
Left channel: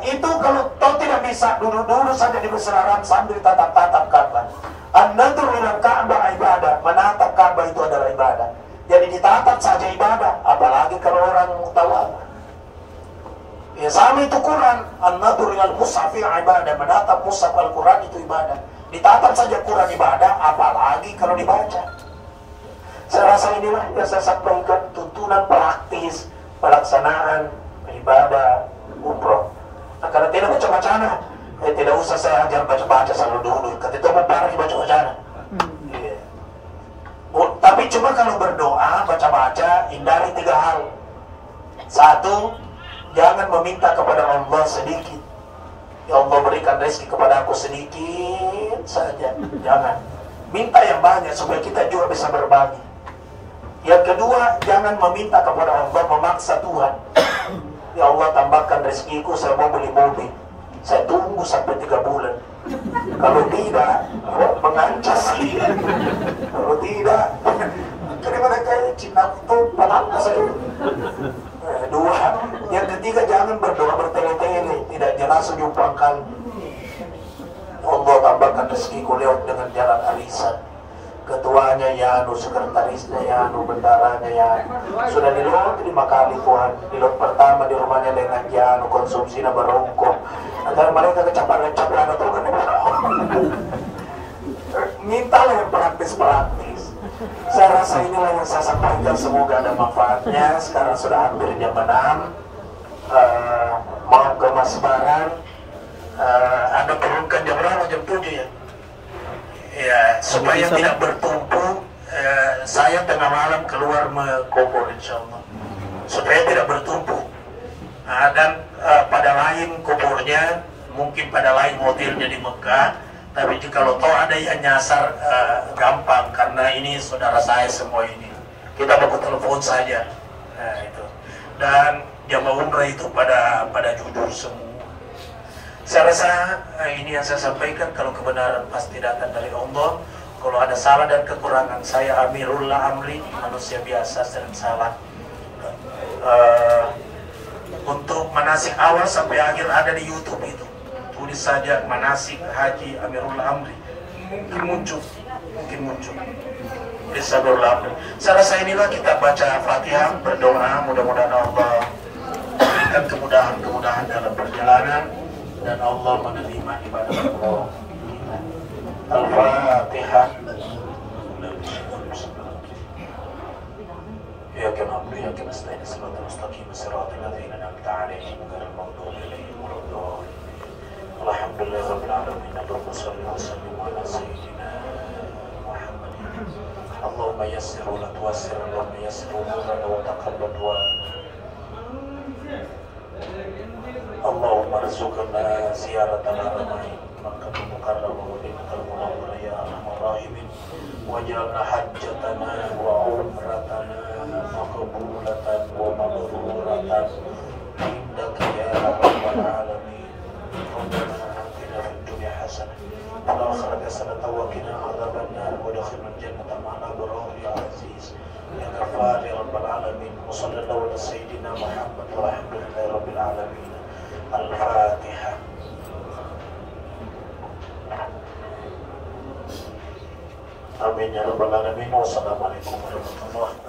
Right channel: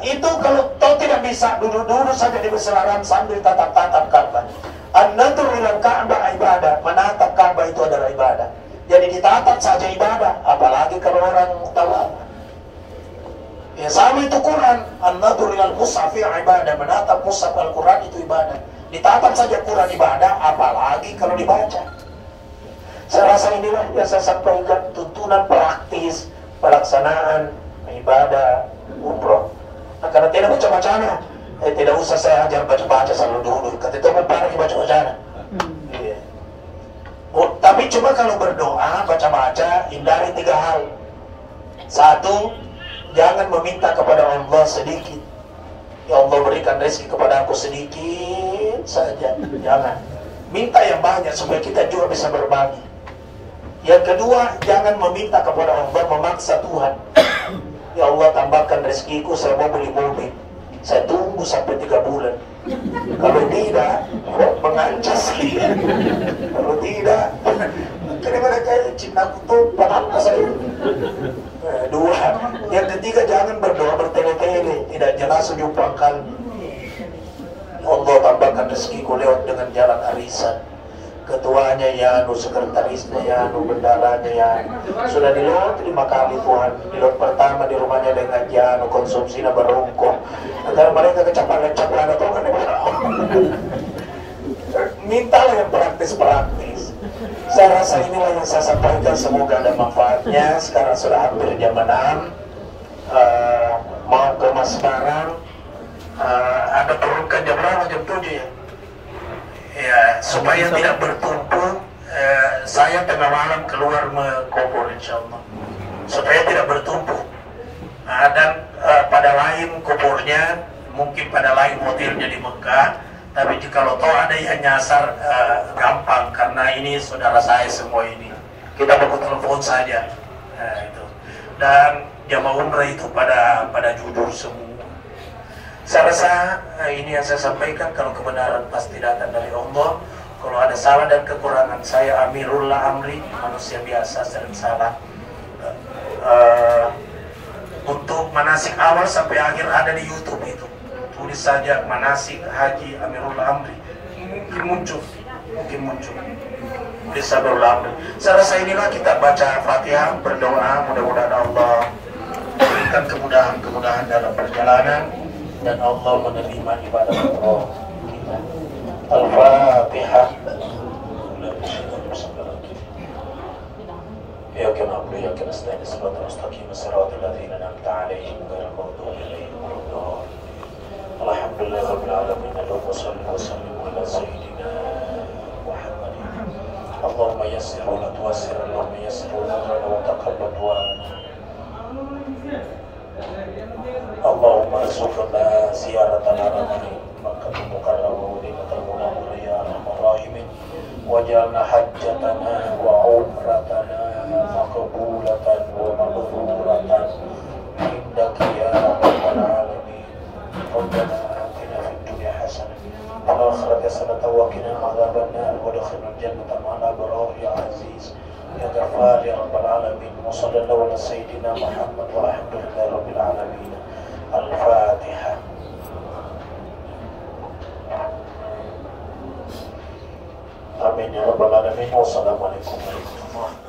Itu kalau kau tidak bisa duduk-duduk saja di berseraran sambil tatap-tatap Ka'bah. An-nadru ila Ka'bah ibadah, menatap Ka'bah itu adalah ibadah. Jadi ditatap saja ibadah, apalagi kalau orang tawaf. Ya sama itu Quran, an-nadru ila al-mushaf ibadah, menatap mushaf Al-Quran itu ibadah. Ditatap saja Quran ibadah, apalagi kalau dibaca. Saya rasa inilah yang saya sampaikan, tuntunan praktis pelaksanaan ibadah umroh. Nah, karena tidak baca-bacana, tidak usah saya ajar baca-baca selalu dulu. Ketika mau parah baca-bacana. Yeah. Oh, tapi cuma kalau berdoa, baca-baca, hindari 3 hal. 1, jangan meminta kepada Allah sedikit. Ya Allah berikan rezeki kepada aku sedikit saja. Jangan. Minta yang banyak supaya kita juga bisa berbagi. Yang kedua, jangan meminta kepada Allah memaksa Tuhan. Ya Allah tambahkan rezekiku, saya mau beli mobil. Saya tunggu sampai 3 bulan. Kalau tidak, mengancam saya. Kalau tidak, karena mereka Cina kutu, pengancam saya. 2, yang ketiga jangan berdoa bertele-tele, tidak jelas ujung pangkal. Allah tambahkan rezekiku lewat dengan jalan arisan. Ketuanya Yanu, sekretarisnya Yanu, bendaranya Yanu. Sudah dilot 5 kali Tuhan. Dilot pertama di rumahnya dengan Yanu, konsumsinya barungko. Agar mereka kecapan-kecapan atau kan mintalah yang praktis-praktis. Saya rasa inilah yang saya sampaikan, semoga ada manfaatnya. Sekarang sudah hampir jam 6. Mau ke Mas Barang. Ada turunkan jam berapa? Jam 7 ya? Ya, supaya tidak bertumpuk, saya tengah malam keluar mengkubur insya Allah. Supaya tidak bertumpuk. Dan pada lain kuburnya, mungkin pada lain modelnya di Mekah. Tapi kalau tahu ada yang nyasar, gampang. Karena ini saudara saya semua ini. Kita baku telepon saja. Nah, itu. Dan jamaah umrah itu pada jujur semua. Saya rasa ini yang saya sampaikan, kalau kebenaran pasti datang dari Allah. Kalau ada salah dan kekurangan, saya amirullah amri, manusia biasa sering salah. Untuk manasik awal sampai akhir ada di YouTube itu. Tulis saja manasik haji amirullah amri. Mungkin muncul. Risalullah amri. Saya rasa inilah kita baca Fatihah, berdoa, mudah-mudahan Allah berikan kemudahan dalam perjalanan. Dan Allah menerima ibadah kita. Al-Fatihah. Iyyaka na'budu wa iyyaka nasta'in ihdinas mustaqim siratal ladzina an'amta 'alaihim ghairil maghdubi 'alaihim waladdallin. Alhamdulillahirabbil alamin. Allahumma shalli wa sallim 'ala sayyidina Muhammadin. Allahumma yassir wa la tu'assir, Allahumma yassir wa taqabbal wa Allahumma rizukna ziyaratan al-Nabi Makkah Mukarram wa Madinatul Munawwarah ya arhamar rahimin waj'alna hajjatana wa umratana maqbulatan wa mabruratan indaka ya rabbal alamin. Rabbana atina fid dunya hasanah wa fil akhirati hasanah wa qina adzaban nar wa adkhilna al-jannata ma'al abrar ya aziz ya ghafar ya rabbal alamin. Wa sallallahu ala sayyidina Muhammad wa alhamdulillahi rabbil alamin. Al-Fatihah. Amin ya rabbal alamin. Wassalamualaikum warahmatullahi wabarakatuh.